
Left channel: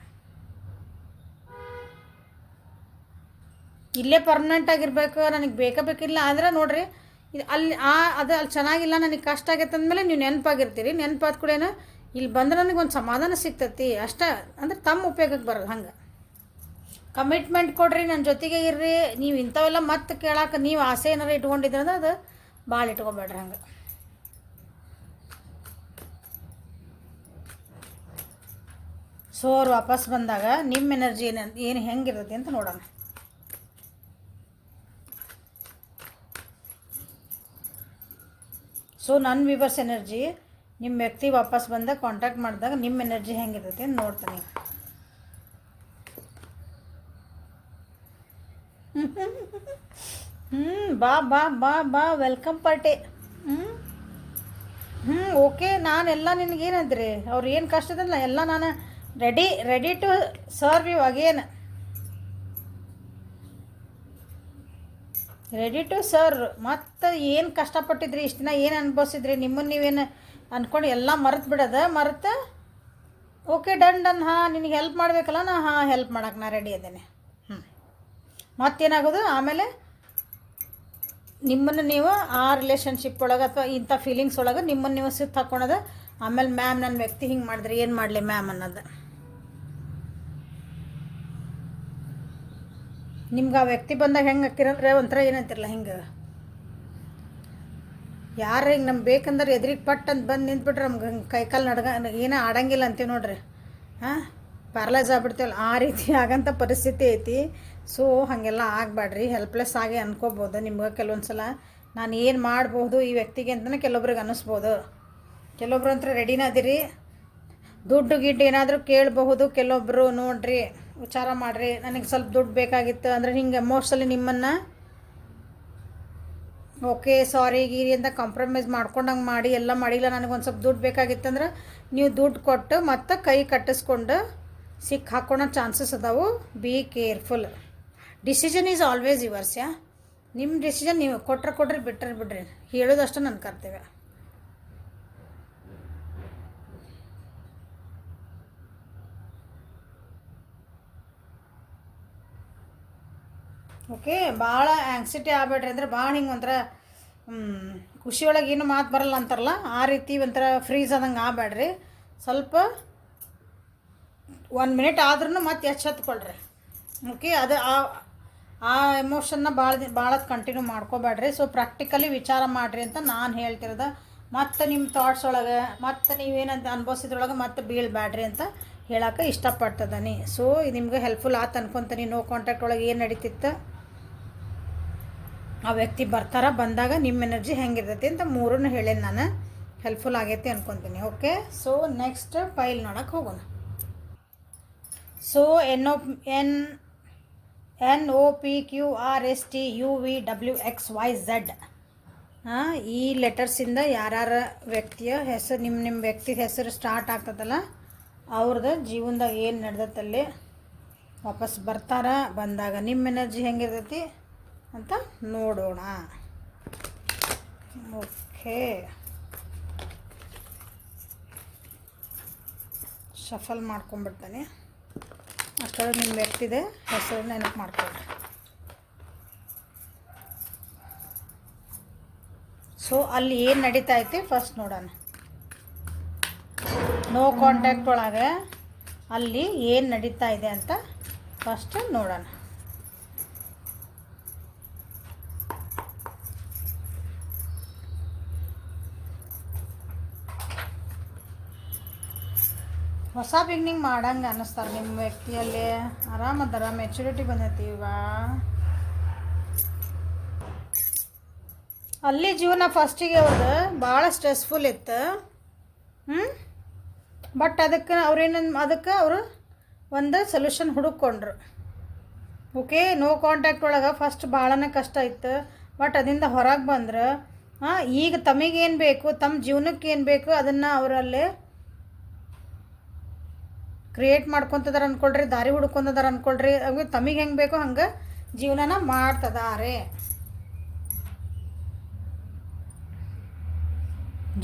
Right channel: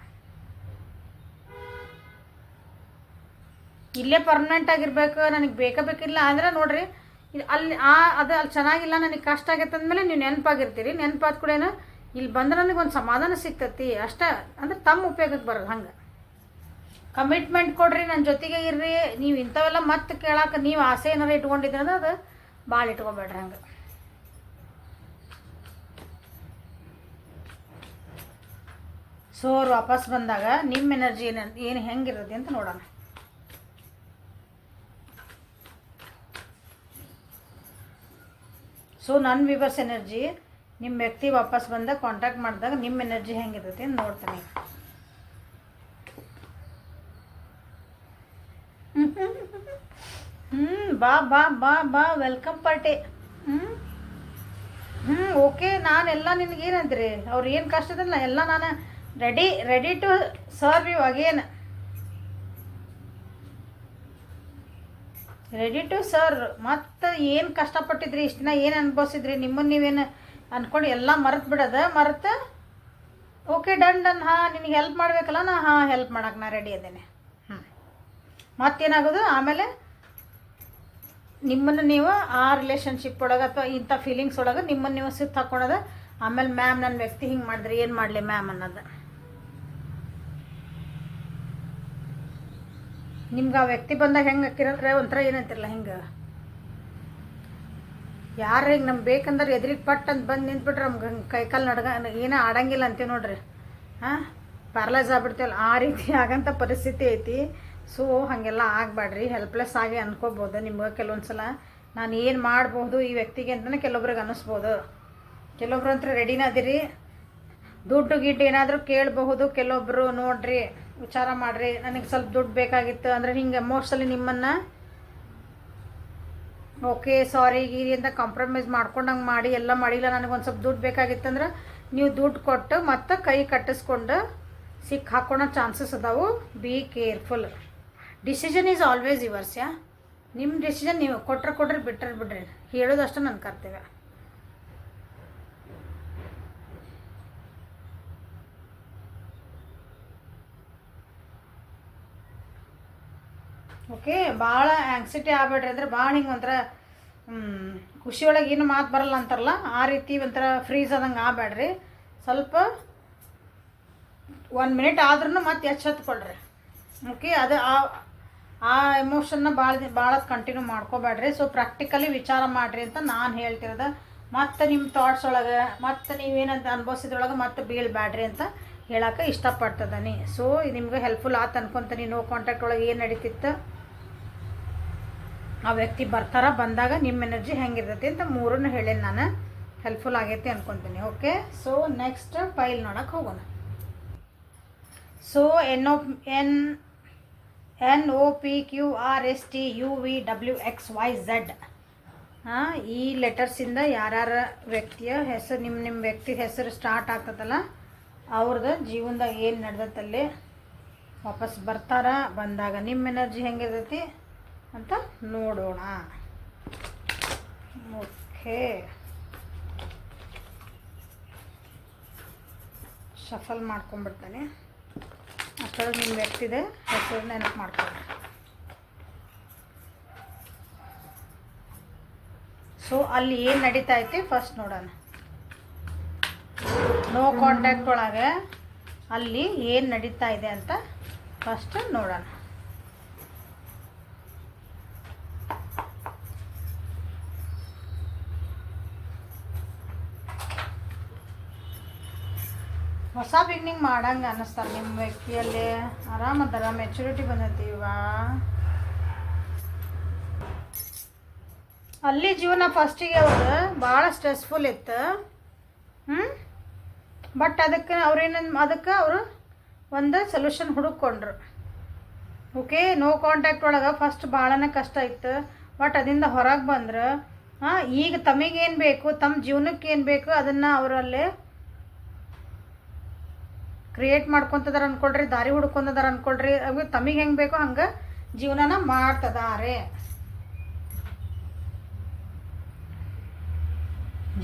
ಇಲ್ಲೇ ಪರ್ಮನೆಂಟ್ ಆಗಿರ್ಬೇಕು, ನನಗೆ ಬೇಕಿಲ್ಲ ಅಂದ್ರೆ ನೋಡ್ರಿ ಅಲ್ಲಿ ಅದು ಅಲ್ಲಿ ಚೆನ್ನಾಗಿಲ್ಲ, ನನಗೆ ಕಷ್ಟ ಆಗೈತೆ ಅಂದಮೇಲೆ ನೀವು ನೆನಪಾಗಿರ್ತೀರಿ. ನೆನಪಾದ ಕೂಡ ಇಲ್ಲಿ ಬಂದ್ರೆ ನನಗೆ ಒಂದು ಸಮಾಧಾನ ಸಿಗ್ತೈತಿ ಅಷ್ಟೇ. ಅಂದ್ರೆ ತಮ್ಮ ಉಪಯೋಗಕ್ಕೆ ಬರೋದು. ಹಂಗೆ ಕಮಿಟ್ಮೆಂಟ್ ಕೊಡ್ರಿ, ನನ್ನ ಜೊತೆಗೆ ಇರ್ರಿ. ನೀವು ಇಂಥವೆಲ್ಲ ಮತ್ತೆ ಕೇಳಕ್ಕೆ ನೀವು ಆಸೆ ಏನಾರು ಇಟ್ಕೊಂಡಿದ್ರೆ ಅಂದ್ರೆ ಅದು ಭಾಳ ಇಟ್ಕೊಬೇಡ್ರಿ. ಹಂಗೆ ಸೊ ಅವ್ರು ವಾಪಸ್ ಬಂದಾಗ ನಿಮ್ಮ ಎನರ್ಜಿ ಏನು ಹೆಂಗಿರುತ್ತೆ ಅಂತ ನೋಡೋಣ. ಸೊ ನನ್ನ ವಿವರ್ಸ್ ಎನರ್ಜಿ ನಿಮ್ಮ ವ್ಯಕ್ತಿ ವಾಪಸ್ ಬಂದಾಗ ಕಾಂಟ್ಯಾಕ್ಟ್ ಮಾಡಿದಾಗ ನಿಮ್ಮ ಎನರ್ಜಿ ಹೆಂಗಿರುತ್ತೆ ಅಂತ ನೋಡ್ತಾನೆ. ಬಾ ಬಾ ಬಾ ಬಾ ವೆಲ್ಕಮ್ ಪಾರ್ಟಿ. ಓಕೆ, ನಾನೆಲ್ಲ ನಿನಗೇನಂದ್ರಿ ಅವ್ರು ಏನು ಕಷ್ಟ ಇದಲ್ಲ ಎಲ್ಲ ನಾನು ready to serve you again. Ready to serve. ಮತ್ತು ಏನು ಕಷ್ಟಪಟ್ಟಿದ್ರಿ ಇಷ್ಟು ದಿನ, ಏನು ಅನುಭವಿಸಿದ್ರಿ, ನಿಮ್ಮನ್ನು ನೀವೇನು ಅಂದ್ಕೊಂಡು ಎಲ್ಲ ಮರೆತು ಬಿಡೋದು. ಓಕೆ ಡನ್ ನಿನಗೆ ಹೆಲ್ಪ್ ಮಾಡಬೇಕಲ್ಲ, ಹೆಲ್ಪ್ ಮಾಡೋಕೆ ನಾ ರೆಡಿ ಇದ್ದೇನೆ. ಮತ್ತೇನಾಗೋದು ಆಮೇಲೆ ನಿಮ್ಮನ್ನು ನೀವು ಆ ರಿಲೇಷನ್ಶಿಪ್ ಒಳಗೆ ಅಥವಾ ಇಂಥ ಫೀಲಿಂಗ್ಸ್ ಒಳಗೆ ನಿಮ್ಮನ್ನು ನೀವು ಸುತ್ತ ಹಾಕ್ಕೊಳೋದು. ಆಮೇಲೆ ಮ್ಯಾಮ್ ನನ್ನ ವ್ಯಕ್ತಿ ಹಿಂಗೆ ಮಾಡಿದ್ರಿ ಏನು ಮಾಡಲಿ ಮ್ಯಾಮ್ ಅನ್ನೋದು. ನಿಮ್ಗೆ ಆ ವ್ಯಕ್ತಿ ಬಂದಾಗ ಹೆಂಗೆ ಹಾಕಿರಂದ್ರೆ ಒಂಥರ ಏನಂತಿರಲ್ಲ, ಹಿಂಗೆ ಯಾರು ಹಿಂಗೆ ನಮ್ಗೆ ಬೇಕಂದ್ರೆ ಎದುರಿಗೆ ಪಟ್ ಅಂತ ಬಂದು ನಿಂತ್ಬಿಟ್ರೆ ನಮ್ಗೆ ಹಂಗೆ ಕೈಕಾಲು ಏನೋ ಆಡಂಗಿಲ್ಲ ಅಂತೀವಿ ನೋಡ್ರಿ. ಪ್ಯಾರಲೈಸ್ ಆಗ್ಬಿಡ್ತೀವಲ್ಲ ಆ ರೀತಿ ಆಗಂಥ ಪರಿಸ್ಥಿತಿ ಐತಿ. ಸೊ ಹಾಗೆಲ್ಲ ಆಗಬೇಡ್ರಿ. ಹೆಲ್ಪ್ಲೆಸ್ ಆಗಿ ಅನ್ಕೋಬೋದು. ನಿಮ್ಗೆ ಕೆಲವೊಂದು ಸಲ ನಾನು ಏನು ಮಾಡ್ಬೋದು ಈ ವ್ಯಕ್ತಿಗೆ ಅಂತಲೇ ಕೆಲವೊಬ್ರಿಗೆ ಅನ್ನಿಸ್ಬೋದು. ಕೆಲವೊಬ್ರು ಅಂತ ರೆಡಿನ ಅದಿರಿ, ದುಡ್ಡು ಗಿಡ್ಡು ಏನಾದರೂ ಕೇಳಬಹುದು. ಕೆಲವೊಬ್ಬರು ನೋಡ್ರಿ ವಿಚಾರ ಮಾಡಿರಿ, ನನಗೆ ಸ್ವಲ್ಪ ದುಡ್ಡು ಬೇಕಾಗಿತ್ತು ಅಂದರೆ ಹಿಂಗೆ ಎಮೋಷ್ನಲಿ ನಿಮ್ಮನ್ನು ಓಕೆ ಸಾರಿ ಗೀರಿ ಅಂತ ಕಾಂಪ್ರಮೈಸ್ ಮಾಡ್ಕೊಂಡಂಗೆ ಮಾಡಿ ಎಲ್ಲ ಮಾಡಿಲ್ಲ, ನನಗೊಂದು ಸ್ವಲ್ಪ ದುಡ್ಡು ಬೇಕಾಗಿತ್ತಂದ್ರೆ ನೀವು ದುಡ್ಡು ಕೊಟ್ಟು ಮತ್ತೆ ಕೈ ಕಟ್ಟಿಸ್ಕೊಂಡು ಸಿಕ್ಕ ಹಾಕ್ಕೊಳೋ ಚಾನ್ಸಸ್ ಅದಾವು. Be careful. Decision is always yours. ನಿಮ್ಮ ಡಿಸಿಷನ್ ನೀವು ಕೊಡ್ರಿ ಬಿಡ್ರಿ. ಹೇಳೋದಷ್ಟು ನನ್ನ ಕರ್ತವ್ಯ. ಓಕೆ, ಭಾಳ ಆ್ಯಂಗ್ಸಿಟಿ ಆಗಬೇಡ್ರಿ. ಅಂದ್ರೆ ಭಾಳ ಹಿಂಗೆ ಒಂಥರ ಖುಷಿಯೊಳಗೆ ಏನು ಮಾತು ಬರಲ್ಲ ಅಂತಾರಲ್ಲ ಆ ರೀತಿ ಒಂಥರ ಫ್ರೀಸ್ ಆದಂಗೆ ಆಗಬೇಡ್ರಿ. ಸ್ವಲ್ಪ 1 ಮಿನಿಟ್ ಆದ್ರೂ ಮತ್ತೆ ಎಚ್ಚೆತ್ಕೊಳ್ರಿ. ಓಕೆ, ಅದು ಆ ಎಮೋಷನ್ನ ಭಾಳ ಕಂಟಿನ್ಯೂ ಮಾಡ್ಕೋಬೇಡ್ರಿ. ಸೊ ಪ್ರಾಕ್ಟಿಕಲಿ ವಿಚಾರ ಮಾಡಿರಿ ಅಂತ ನಾನು ಹೇಳ್ತಿರೋದು. ಮತ್ತು ನಿಮ್ಮ ಥಾಟ್ಸ್ ಒಳಗೆ ಮತ್ತು ನೀವೇನಂತ ಅನುಭವಿಸಿದ್ರೊಳಗೆ ಮತ್ತೆ ಬೀಳ್ಬೇಡ್ರಿ ಅಂತ ಹೇಳೋಕೆ ಇಷ್ಟಪಡ್ತದನಿ. ಸೊ ಇದು ನಿಮ್ಗೆ ಹೆಲ್ಪ್ಫುಲ್ ಆಯ್ತು ಅನ್ಕೊತೀನಿ. ನೋ ಕಾಂಟ್ಯಾಕ್ಟ್ ಒಳಗೆ ಏನು ನಡೀತಿತ್ತು, ಆ ವ್ಯಕ್ತಿ ಬಂದಾಗ ನಿಮ್ಮ ಎನರ್ಜಿ ಹೆಂಗಿರ್ತೈತಿ ಅಂತ ಮೂರನ್ನು ಹೇಳೇನಿ ನಾನು. ಹೆಲ್ಪ್ಫುಲ್ ಆಗೈತಿ ಅನ್ಕೊತೀನಿ. ಓಕೆ, ಸೊ ನೆಕ್ಸ್ಟ್ ಫೈಲ್ ನೋಡೋಕೆ ಹೋಗೋಣ. ಸೊ NOPQRSTUVWXYZ ಈ ಲೆಟರ್ಸಿಂದ ಯಾರ್ಯಾರ ವ್ಯಕ್ತಿಯ ಹೆಸರು ನಿಮ್ಮ ವ್ಯಕ್ತಿ ಹೆಸರು ಸ್ಟಾರ್ಟ್ ಆಗ್ತದಲ್ಲ ಅವ್ರದ್ದು ಜೀವನದಾಗ ಏನು ನಡೆದತ್ತಲ್ಲಿ ವಾಪಸ್ ಬಂದಾಗ ನಿಮ್ಮ ಎನರ್ಜಿ ಹೆಂಗಿರ್ತೈತಿ ಅಂತ ನೋಡೋಣ. Okay, shuffle ಮಾಡ್ಕೊಂಡ್ಬಿಡ್ತಾನೆ. ಅಷ್ಟೊಳಗೆ ನಿಮ್ಮ ವ್ಯಕ್ತಿದೆ ಹೆಸರು ನೆನಪು ಮಾಡ್ಕೊಂಡ್ರೆ. ಸೊ ಅಲ್ಲಿ ಏನು ನಡೀತಾ ಐತಿ ಫಸ್ಟ್ ನೋಡೋಣ. ನೋ ಕಾಂಟ್ಯಾಕ್ಟ್ ಒಳಗೆ ಅಲ್ಲಿ ಏನು ನಡೀತಾ ಇದೆ ಅಂತ ಫಸ್ಟ್ ನೋಡೋಣ. ಹೊಸ ಬಿಗ್ನಿಂಗ್ ಮಾಡಂಗೆ ಅನ್ನಿಸ್ತಾರೆ ನಿಮ್ಮ ವ್ಯಕ್ತಿಯಲ್ಲಿ. ಆರಾಮದಾರ, ಮೆಚುರಿಟಿ ಬಂದೈತಿ. ಇವಾಗ ಅಲ್ಲಿ ಜೀವನ ಫಸ್ಟಿಗೆ ಅವ್ರು ಭಾಳ ಸ್ಟ್ರೆಸ್ಫುಲ್ ಇತ್ತು. ಬಟ್ ಅದಕ್ಕೆ ಅವರು ಒಂದು ಸೊಲ್ಯೂಷನ್ ಹುಡುಕೊಂಡ್ರು. ಓಕೆ, ನೋ ಕಾಂಟ್ಯಾಕ್ಟ್ ಒಳಗೆ ಫಸ್ಟ್ ಭಾಳನೇ ಕಷ್ಟ ಇತ್ತು. ಬಟ್ ಅದರಿಂದ ಹೊರಗೆ ಬಂದ್ರೆ ಈಗ ತಮಗೇನು ಬೇಕು, ತಮ್ಮ ಜೀವನಕ್ಕೆ ಏನು ಬೇಕು ಅದನ್ನು ಅವರಲ್ಲೇ ಕ್ರಿಯೇಟ್ ಮಾಡ್ಕೊತಿದಾರೆ ಅಂದ್ಕೊಳ್ರಿ, ದಾರಿ ಹುಡ್ಕೊಂಡಿದಾರೆ ಅಂದ್ಕೊಳ್ರಿ. ಅವು ತಮಗೆ ಹೆಂಗೆ ಬೇಕೋ ಹಂಗೆ ಜೀವನನ ಮಾಡ್ತಿದ್ದಾರೆ.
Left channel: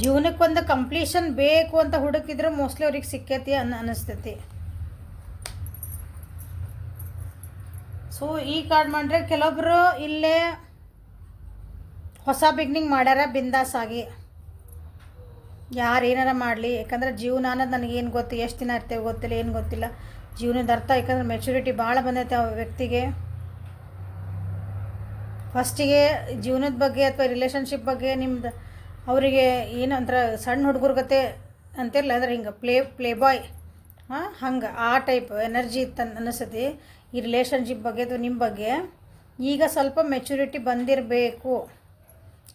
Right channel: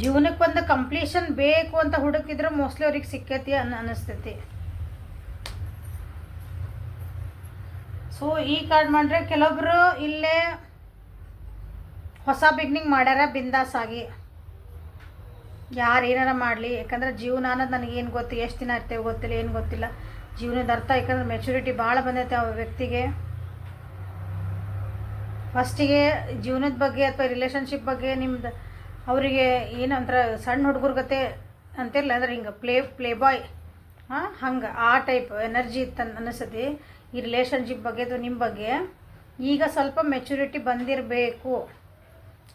ಜೀವನಕ್ಕೆ ಒಂದು ಕಂಪ್ಲೀಷನ್ ಬೇಕು ಅಂತ ಹುಡುಕಿದ್ರೆ ಮೋಸ್ಟ್ಲಿ ಅವ್ರಿಗೆ ಸಿಕ್ಕೈತಿ ಅನ್ನಿಸ್ತೈತಿ. ಸೊ ಈ ಕಾರ್ಡ್ ಮಾಡ್ರೆ ಕೆಲವೊಬ್ರು ಇಲ್ಲೇ ಹೊಸ ಬಿಗ್ನಿಂಗ್ ಮಾಡ್ಯಾರ ಬಿಂದಾಸ್ ಆಗಿ. ಯಾರು ಏನಾರ ಮಾಡಲಿ, ಯಾಕಂದ್ರೆ ಜೀವನ ಅನ್ನೋದು ನನಗೇನು ಗೊತ್ತು, ಎಷ್ಟು ದಿನ ಇರ್ತೇವೆ ಗೊತ್ತಿಲ್ಲ, ಏನು ಗೊತ್ತಿಲ್ಲ ಜೀವನದ ಅರ್ಥ. ಯಾಕಂದ್ರೆ ಮೆಚುರಿಟಿ ಭಾಳ ಬಂದೈತೆ ಆ ವ್ಯಕ್ತಿಗೆ. ಫಸ್ಟಿಗೆ ಜೀವನದ ಬಗ್ಗೆ ಅಥವಾ ರಿಲೇಷನ್ಶಿಪ್ ಬಗ್ಗೆ ನಿಮ್ದು ಅವರಿಗೆ ಏನು ಅಂತಾರೆ, ಸಣ್ಣ ಹುಡುಗರ ಗತೆ ಅಂತಿರಲ್ಲ, ಅಂದ್ರೆ ಹಿಂಗೆ ಪ್ಲೇ ಬಾಯ್ ಹಂಗೆ ಆ ಟೈಪ್ ಎನರ್ಜಿ ಇತ್ತು ಅನ್ನಿಸ್ತೈತಿ ಈ ರಿಲೇಷನ್ಶಿಪ್ ಬಗ್ಗೆ ಅಥವಾ ನಿಮ್ಮ ಬಗ್ಗೆ. ಈಗ ಸ್ವಲ್ಪ ಮೆಚುರಿಟಿ ಬಂದಿರಬೇಕು.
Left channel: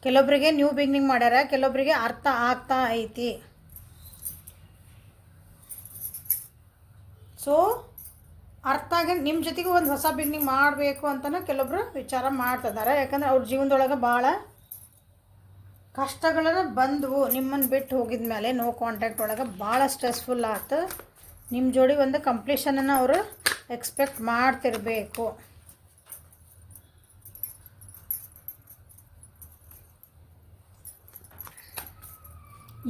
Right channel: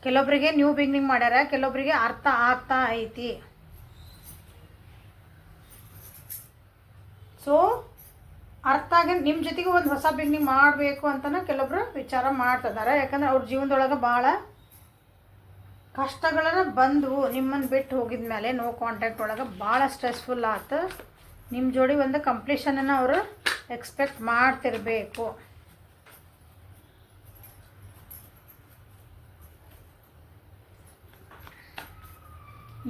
ಕೆಲವೊಬ್ಬರಿಗೆ ನ್ಯೂ ಬಿಗ್ನಿಂಗ್ ಮಾಡ್ಯಾರ, ಕೆಲವೊಬ್ಬರಿಗೆ ಅರ್ಥ ಆಗ್ತಾ ಐತಿ. ಸೊ ಅರ್ಥ ಆಗಿ ನಿಮ್ಮ ಜೊತೆಗೆ ಒಂದು ಹೊಸ ಬಿಗ್ನಿಂಗ್ ಮಾಡಬೇಕು ಅಂತಲೂ ಕೆಲವೊಬ್ರು ವಿಚಾರ ಮಾಡ್ತಿದ್ದಾರೆ. ಯಾಕಂದ್ರೆ ಅವ್ರ ಜೀವನದೊಳಗೆ ಭಾಳ ಕಷ್ಟಗಳನ್ನು ಬಂದವು. ನಿಮ್ಮನ್ನು ಬಿಟ್ಟು ಹೋಗಿದ ಮೇಲೆ ನೋ ಕಾಂಟ್ಯಾಕ್ಟ್ ಒಳಗೆ ಭಾಳ ಸ್ಟ್ರೆಸ್ಫುಲ್ ಆಯ್ತು. ನಿಮ್ಮ ಜೋಡಿ ಒಂದು ಕಂಪ್ಲೀಷನನ್ನು ಅವರು ಎಕ್ಸ್ಪೆಕ್ಟ್ ಮಾಡ್ತಿರಬೇಕು.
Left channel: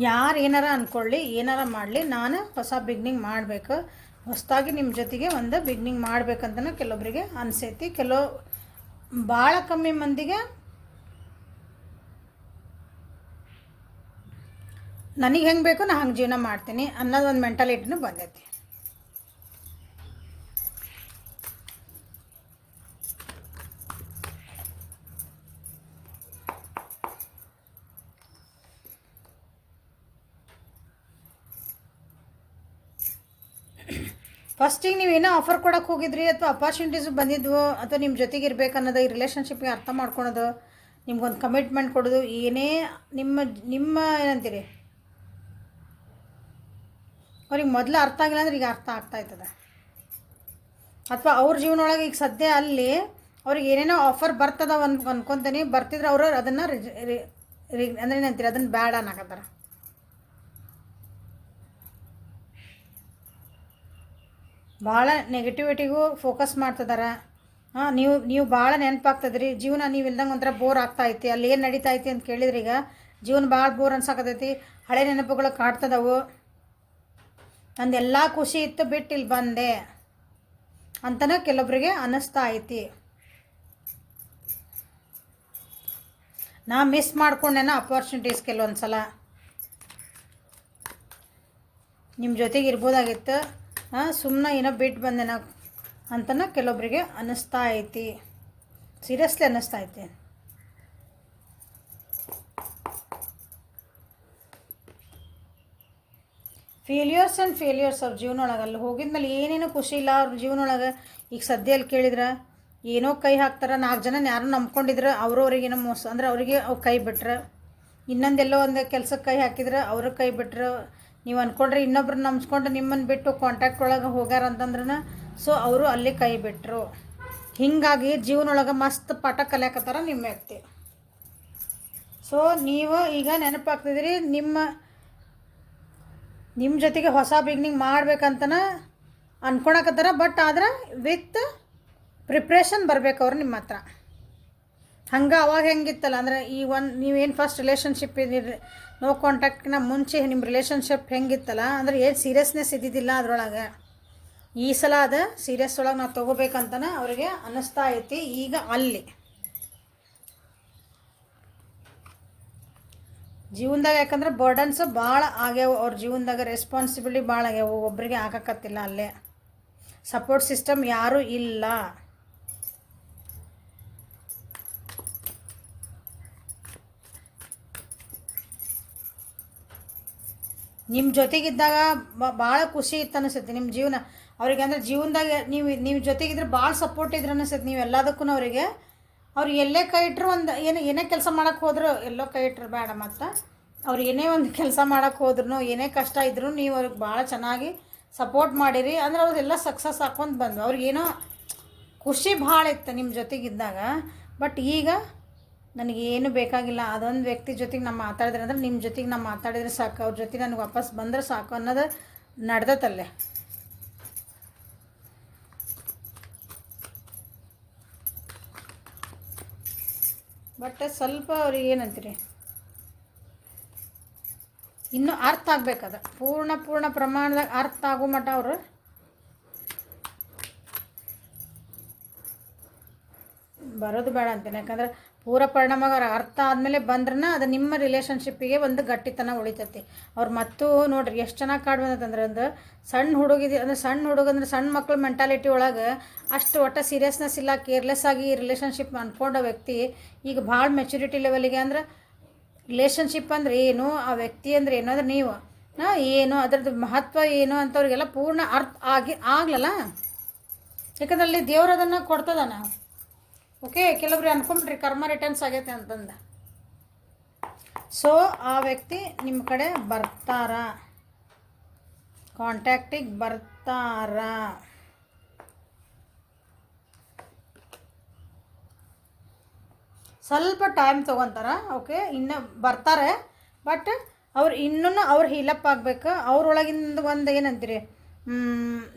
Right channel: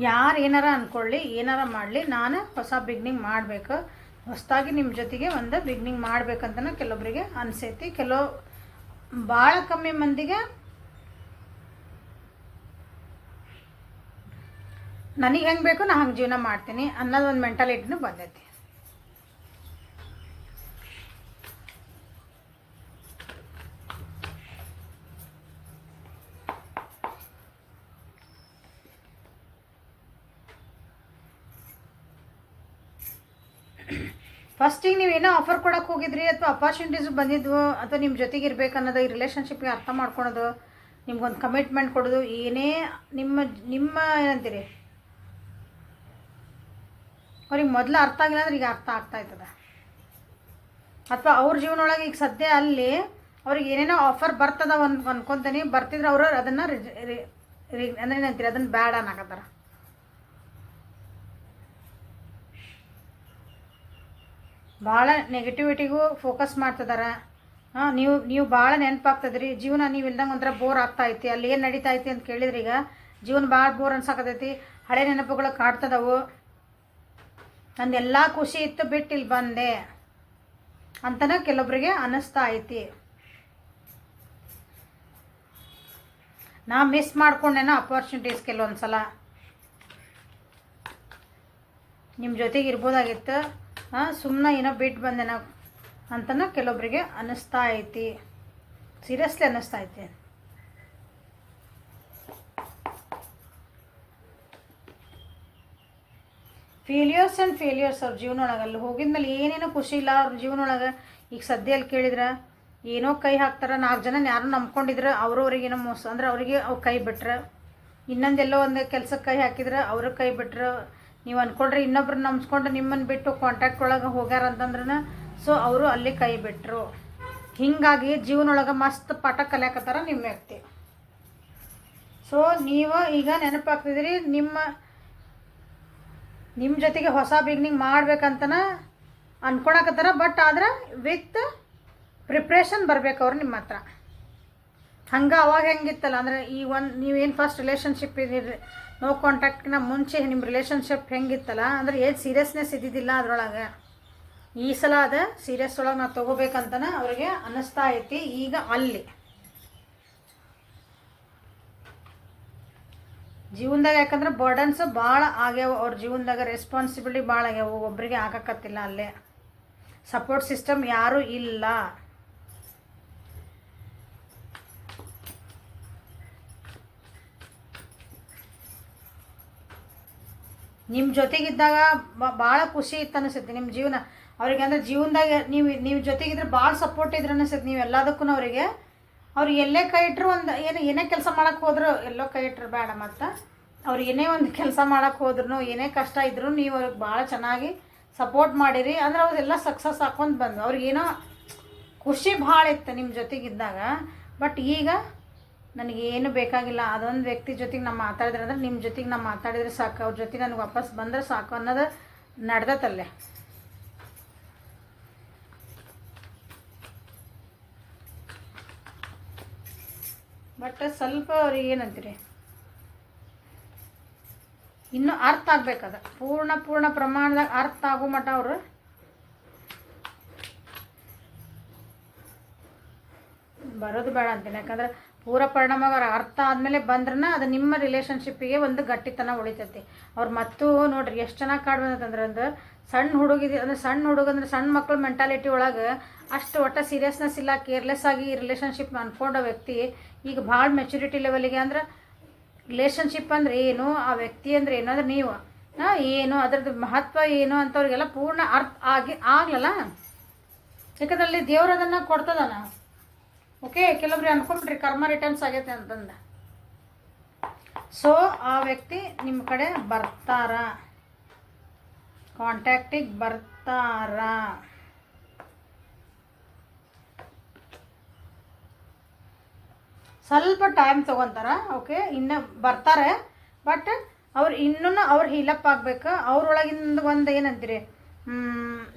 ಯಾರು ಏನಾರ ಅಂದ್ಕೊಳ್ಳಿ, ಏನಾರ ಮಾಡಲಿ, ನಾನು ಹೊಸ ಬಿಗ್ನಿಂಗ್ ಮಾಡಬೇಕು, ಹೊಸದಾಗಿ ನಿಮ್ಮ ಜೊತೆಗೆ ಒಂದು ಬಿಗ್ನಿಂಗ್ ಮಾಡ್ಬೇಕಂತನೂ ಕೆಲವೊಬ್ಬರಿಗೆ ಅನಿಸೈತಿ. ಭಾಳ ಕಮ್ಮಿ ಮಂದಿಗೆ ನನಗೆ ಹೆಂಗೆ ಬೇಕು ನಾನು ಹಂಗೆ ಜೀವನ ಮಾಡ್ತೀನಿ ಅನ್ನೋದು ಒಂದು ಮೆಂಟಾಲಿಟಿನೂ ಬಂದೈತಿ. ಫಸ್ಟಿಗೆ ನೀವೇನೋ ಆಫರ್ ಕೊಡೋಕೆ ಹೋಗಿದ್ರಿ ಅಥವಾ ಅಪಾರ್ಚುನಿಟೀಸ್ ಬಂದಿದ್ವು ಅಥವಾ ನಿಮ್ಮ ಜೊತೆಗೆ ಇರಬೇಕು ಅನ್ನೋದು, ಈ ರಿಲೇಷನ್ಶಿಪ್ಗೆ ಅರ್ಥ ಮಾಡ್ಕೊಳೋದು, ನಿಮ್ಗೊಂದು ಕಮಿಟ್ಮೆಂಟ್ ಕೊಡೋದು, ಏನೇ ನಿಮ್ಮ ಏನಂತೀರಿ ಅವ್ರಿಗೆ ಮೊದಲು ಅರ್ಥ ಆಗಿಲ್ಲ ಅಂದ್ರೆ ಈಗ ಅರ್ಥ ಆಗ್ತಾಯ್ತದ. ಅಥವಾ ಅವ್ರ ಜೀವನ ಒಳಗೆ ಈಗ ಸದ್ಯ ಅಲ್ಲಿ ಅವ್ರಿಗೆ ಏನೇನೋ ಆಫರ್ ಬರ್ತದ ಅನ್ಕೊತೀನಿ, ಬರ್ತಿದ್ರೆ ಅವರು ಅದನ್ನು ಅಂದ್ರೆ ಏನಂತೀರಿ ಅದನ್ನು ಬ್ಯಾಡ ಅನ್ನಕತ್ತಾರ. ಭಾಳ ನೆಗೆಟಿವಿಟಿಗೂ ಫೋಕಸ್ ಮಾಡ್ತಿದ್ದಾರೆ. ನೀವು ಭಾಳ ನೆನಪಾಗ್ತದ್ರಿ ಜೀವನ. ನೀವು ಇಲ್ದಂಗೆ ಒಂಥರ ಬೋರ್ ಆಗ್ತಾಯಿತಿ. ಅಲ್ಲಿ ಏನು ನಡೀತಾ ಐತಿ ಅಂತ ಕೇಳಿದ್ರಿ, ಈಗ ಜೀವನ ಭಾಳ ಬೋರ್ ಅನ್ಸಾಕತೈತಿ. ಹಳೆ ನೆನಪುಗಳು ಕಾಡ್ತದವು. ನಂದೆಲ್ಲ ಖುಷಿ ಇತ್ತು ಬಿಟ್ಟು ಇಲ್ಲಿ ಬಂದೆ ಅಂತನ ಕೆಲವೊಬ್ಬರಿಗೆ ಅನ್ನಿಸ್ತಾ ಐತಿ. ನಾ ಮಿಸ್ ಮಾಡ್ಕೊಂಡೇನೋ ಅಪಾರ್ಚುನಿಟೀಸ್ ಕೆಲವೊಂದು ಸಲ. ನಿಮ್ಮ ಜೊತೆಗೆ ಇರ್ಬೋದಾಗಿತ್ತು, ಸುಮ್ಮನೆ ಏನೋ ಬಿಟ್ಟು ಬಂದೇನೋ ಅಂತನ ಕೆಲವೊಬ್ಬರಿಗೆ ಅನ್ನಿಸ್ತಾ ಐತಿ. ಸೀರಿಯಸ್ಲಿ ಅನ್ನಿಸ್ತಾ ಐತಿ. ಫೇಲ್ಯೂರ್ಸ್ ಆ್ಯಂಡ್ ಫೇಲ್ಯೂರ್ಸ್ ಅವ್ರ ಜೀವನ ಒಳಗೆ ಅಲ್ಲಿ ಹೋಗಿದ್ಮೇಲೆ ಏನೇನೋ ಖುಷಿ ಇಲ್ಲ ಅವ್ರ ಜೀವನ ಒಳಗೆ. ಈಗ ಸದ್ಯಲ್ಲಿ ಕೇಳಿದ್ರೆ ಏನೋ ಕೈ ಹಾಕ್ತಾರೆ, 4 ಜನ ಯಾರು ನಂಬ್ಕೊಂಡಿದ್ರೆ ಅವ್ರವ್ರಿಗೇನೋ ಮೋಸ ಅಂದ್ರೆ ಅವರಿಗೆ ಅವ್ರು ಕೈ ಬಿಟ್ರೆ, ಇನ್ನೊಂದೆಲ್ಲೋ ಒಂದು ಕೆಲಸಕ್ಕೆ ಕೈ ಹಾಕಿದ್ರೆ ಅವರು ಕೈ ಬಿಟ್ರೆ, ನೀವು ಅಂದ್ಕೊಂಡ್ರೆ ಇನ್ನೊಬ್ರು ನಂಬಿಸ್ಕೊಂಡು ನಿಮ್ಮನ್ನು ಬಿಟ್ಟು ಕಾಂಟ್ಯಾಕ್ಟ್ ಒಳಗೆ ಹೋಗ್ಯಾರ ಅಂತಂದ್ರೆ ಸೊ ಅವರು ಅಲ್ಲಿ ಕೈ ಬಿಟ್ಟರು. ಹೀಗಾಗಿ ಜೀವನೊಳಗೆ ಮಸ್ತ್ ಪಾಠ ಕಲಿಯಾಕತ್ತಾರ ನಿಮ್ಮ ವ್ಯಕ್ತಿ. ಸೊ ನೀವು ಈಗ ನೆನಪಾಗ್ತಿದ್ದೀರಿ ನಿಮ್ಮ ಜೊತೆಗೆ ಹೊಸ ಬಿಗ್ನಿಂಗ್ ಮಾಡ್ಬೇಕಂತನ ಅನ್ಕೊಳಕತ್ತಾರ. ಬಟ್ ಆದ್ರೆ ವಿತ್ ಪ್ರಿಪ್ರೇಷನ್ ಬರ್ಬೇಕು ಅವ್ರು ನಿಮ್ಮ ಹತ್ರ. ಹಂಗೆ ಅವಾಗ ಹೆಂಗಿತ್ತಲ್ಲ ಅಂದರೆ ಈ ಒಂದು ನೀವೇನು ಫಸ್ಟ್ ರಿಲೇಷನ್ಶಿಪ್ ಇದ್ದೀರಿ ನೋ ಕಾಂಟ್ಯಾಕ್ಟ್ನ ಮುಂಚೆ ನಿಮ್ಮ ರಿಲೇಷನ್ಶಿಪ್ ಹೆಂಗಿತ್ತಲ್ಲ ಅಂದರೆ ಏನು ಸೀರಿಯಸ್ನೆಸ್ ಇದ್ದಿದ್ದಿಲ್ಲ ಅದ್ರೊಳಗೆ. ಈ ಸಲ ಅದು ಸೀರಿಯಸ್ ಒಳಗೆ ನಾವು ತೊಗೋಬೇಕಂತನ ಅವ್ರಿಗೆ ಅನ್ನಿಸ್ತಾ ಐತಿ. ಈಗ ಅಲ್ಲಿ ಜೀವನದಾಗ ಯಾಕಂದ್ರೆ ಬರ್ಡನ್ಸ್ ಭಾಳ ಆಗ್ಯಾವ ಅವ್ರ ಜೀವನದಾಗ, ರೆಸ್ಪಾನ್ಸಿಬಿಲಿಟಿ ಭಾಳ ಆಗ್ಯಾವ, ಒಬ್ಬರಿಗೆ ಆಗಕತ್ತಿಲ್ಲ. ಅಲ್ಲೇ ಸಪೋರ್ಟ್ ಸಿಸ್ಟಮ್ ಯಾರೂ ಇಲ್ಲ. ನಿಮ್ಮ ಜೊತೆಗಿದ್ದಾಗ ಭಾಳ ಖುಷಿ ಇತ್ತು ಅನಿಸುತ್ತೆ ನಿಮ್ಮ ಜೀವನ ಅವ್ರಿಗೆ. ಅಂದರೆ ಜೀವನದಾಗ ನೀವು ಜೊತೆಗಿದ್ರೆ ಭಾಳ ಸಪೋರ್ಟ್ ಇದ್ರೆ ಅನಿಸುತ್ತೆ ನೀವು ಎಲ್ಲದಕ್ಕೂ ಅವರಿಗೆ. ಅವ್ರು ಎಲ್ಲೇ ಕೈ ಇಟ್ಟರು ಒಂದು ಏನೇ ಕೆಲಸ ಮಾಡೋಕ್ಕೆ ಹೋದ್ರು, ಎಲ್ಲೋ ಕೈ ಇಟ್ಟರು ಬೇಡ, ಮತ್ತು ಅವ್ರು ಏನೇ ಒಂದು ಕೆಲಸ ಮಾಡೋಕ್ಕೆ ಹೋದ್ರು, ಏನೇ ಕಷ್ಟ ಇದ್ರೂ ನೀವು ಅವ್ರಿಗೆ ಭಾಳ ಚೆನ್ನಾಗಿ ಸಪೋರ್ಟ್ ಮಾಡಿರಿ. ಅಂದ್ರೆ ಅವರೆಲ್ಲ ಸಕ್ಸಸ್ ಹಾಕೊಂಡು ಬಂದು ಅವ್ರಿಗೇನೋ ಖುಷಿ ಭಾಳ ಇತ್ತು ನಿಮ್ಮ ಜೊತೆಗಿದ್ದಾಗ. ಬಟ್ ಈಗ ನನಗೇನು ಬೇಕಾಗಿಲ್ಲ, ಅದೊಂದು ವ್ಯಕ್ತಿ ಜೊತೆಗೆ ನಾನು ಮಾತಾಡಿದ್ರೆ ಅಂದ್ರೆ ನಿಮ್ಮ ಜೊತೆಗೆ ನಾನು ಮಾತಾಡಿದ್ರೆ ಸಾಕು, ಅವ್ರ ಜೊತೆಗೆ ನನಗೆ ವಾಪಸ್ ಬಂದರೆ ಸಾಕು ಅನ್ನೋದು ನಡೆದತ್ತಲ್ಲೇ. ಬಟ್ ಸ್ವಲ್ಪ ಅವ್ರಿಗೆ ಏನಂತೀರಿ ಇನ್ನೂ ಅರ್ಥ ಆಗ್ಬೇಕದ, ಪೂರ್ಣ ಪ್ರಮಾಣದಾಗ ಅರ್ಥ ಆಗೋ ಮಟ್ಟ ಅವರು ಬರೋದು ಬೇಡ ಅಂತೀನಿ. ಯಾಕಂದ್ರೆ ಪೂರ ಪರಿಣಾಮ ಅರ್ಥ ಆದಮೇಲೆ ಬಂದ್ರನ ಅದು ನಿಮ್ಮ ರಿಲೇಷನ್ಶಿಪ್ಪಿಗೆ ಒಂದು ಗಟ್ಟಿತನ ಉಳಿತೈತಿ. ಅವ್ರು ಮತ್ತೂ ನೋಡ್ರಿ ಎಷ್ಟು ಚೆನ್ನಾಗಿ ಕಾಡು ಬಂದತ್ತಂದ್ರೆ ಒಂದು ಸಣ್ಣ ಹುಡುಗಿದ್ದು ಅಂದರೆ ಸಣ್ಣ ಮಕ್ಳ ಮೆಂಟಾಲಿಟಿ ಒಳಗೆ ಅಷ್ಟು ಒಟ್ಟು ಸೀರಿಯಸ್ನೆಸ್ ಇಲ್ಲ, ಕೇರ್ಲೆಸ್ ಆಗಿ ರಿಲೇಷನ್ಶಿಪ್ ಅಂದ್ಕೊಂಡ ವ್ಯಕ್ತಿ ಈಗ ಭಾಳ ಮೆಚುರಿಟಿ ಲೆವೆಲಿಗೆ. ಅಂದ್ರೆ ರಿಲೇಷನ್ಶಿಪ್ ಅಂದರೆ ಏನು, ಆ ವ್ಯಕ್ತಿ ಅಂದರೆ ಏನು, ಅಂದ್ರೆ ನೀವು ಏನು ಅದರದ್ದು ಮಹತ್ವ ಏನು ಅಂತವ್ರಿಗೆಲ್ಲ ಪೂರ್ಣ ಅರ್ಥ ಆಗ್ಲಲ್ಲ. ಯಾಕಂದ್ರೆ ಅಲ್ಲಿ ದೇವ್ರು ಅದನ್ನು ಕೊಡ್ತದಾನ. ಓಕೆ, ಕೆಲವ್ರಿಗೆ ಅನ್ಕೊಂಡ್ರಿ ಕರ್ಮ ರಿಟರ್ನ್ಸ್ ಆಗೈತೆ ಅಂತಂದು. ಸೊ ಆ ವ್ಯಕ್ತಿ ನಿಮ್ಮ ಕಡೆ ಬರ್ತಾರ, ಕಾಂಟ್ಯಾಕ್ಟಿಗೆ ಬರ್ತಾರ. ಸ್ವಲ್ಪ ಟೈಮ್ ತೊಗೊತಾರ. ಓಕೆ, ಇನ್ನು ಬರ್ತಾರೆ. ಬಟ್ ಅವ್ರು ಅವ್ರು ಹೀಲಪ್ ಆಗಬೇಕು. ಅವ್ರೊಳಗಿಂದ ಒಂದು ಏನಂತೀರಿ,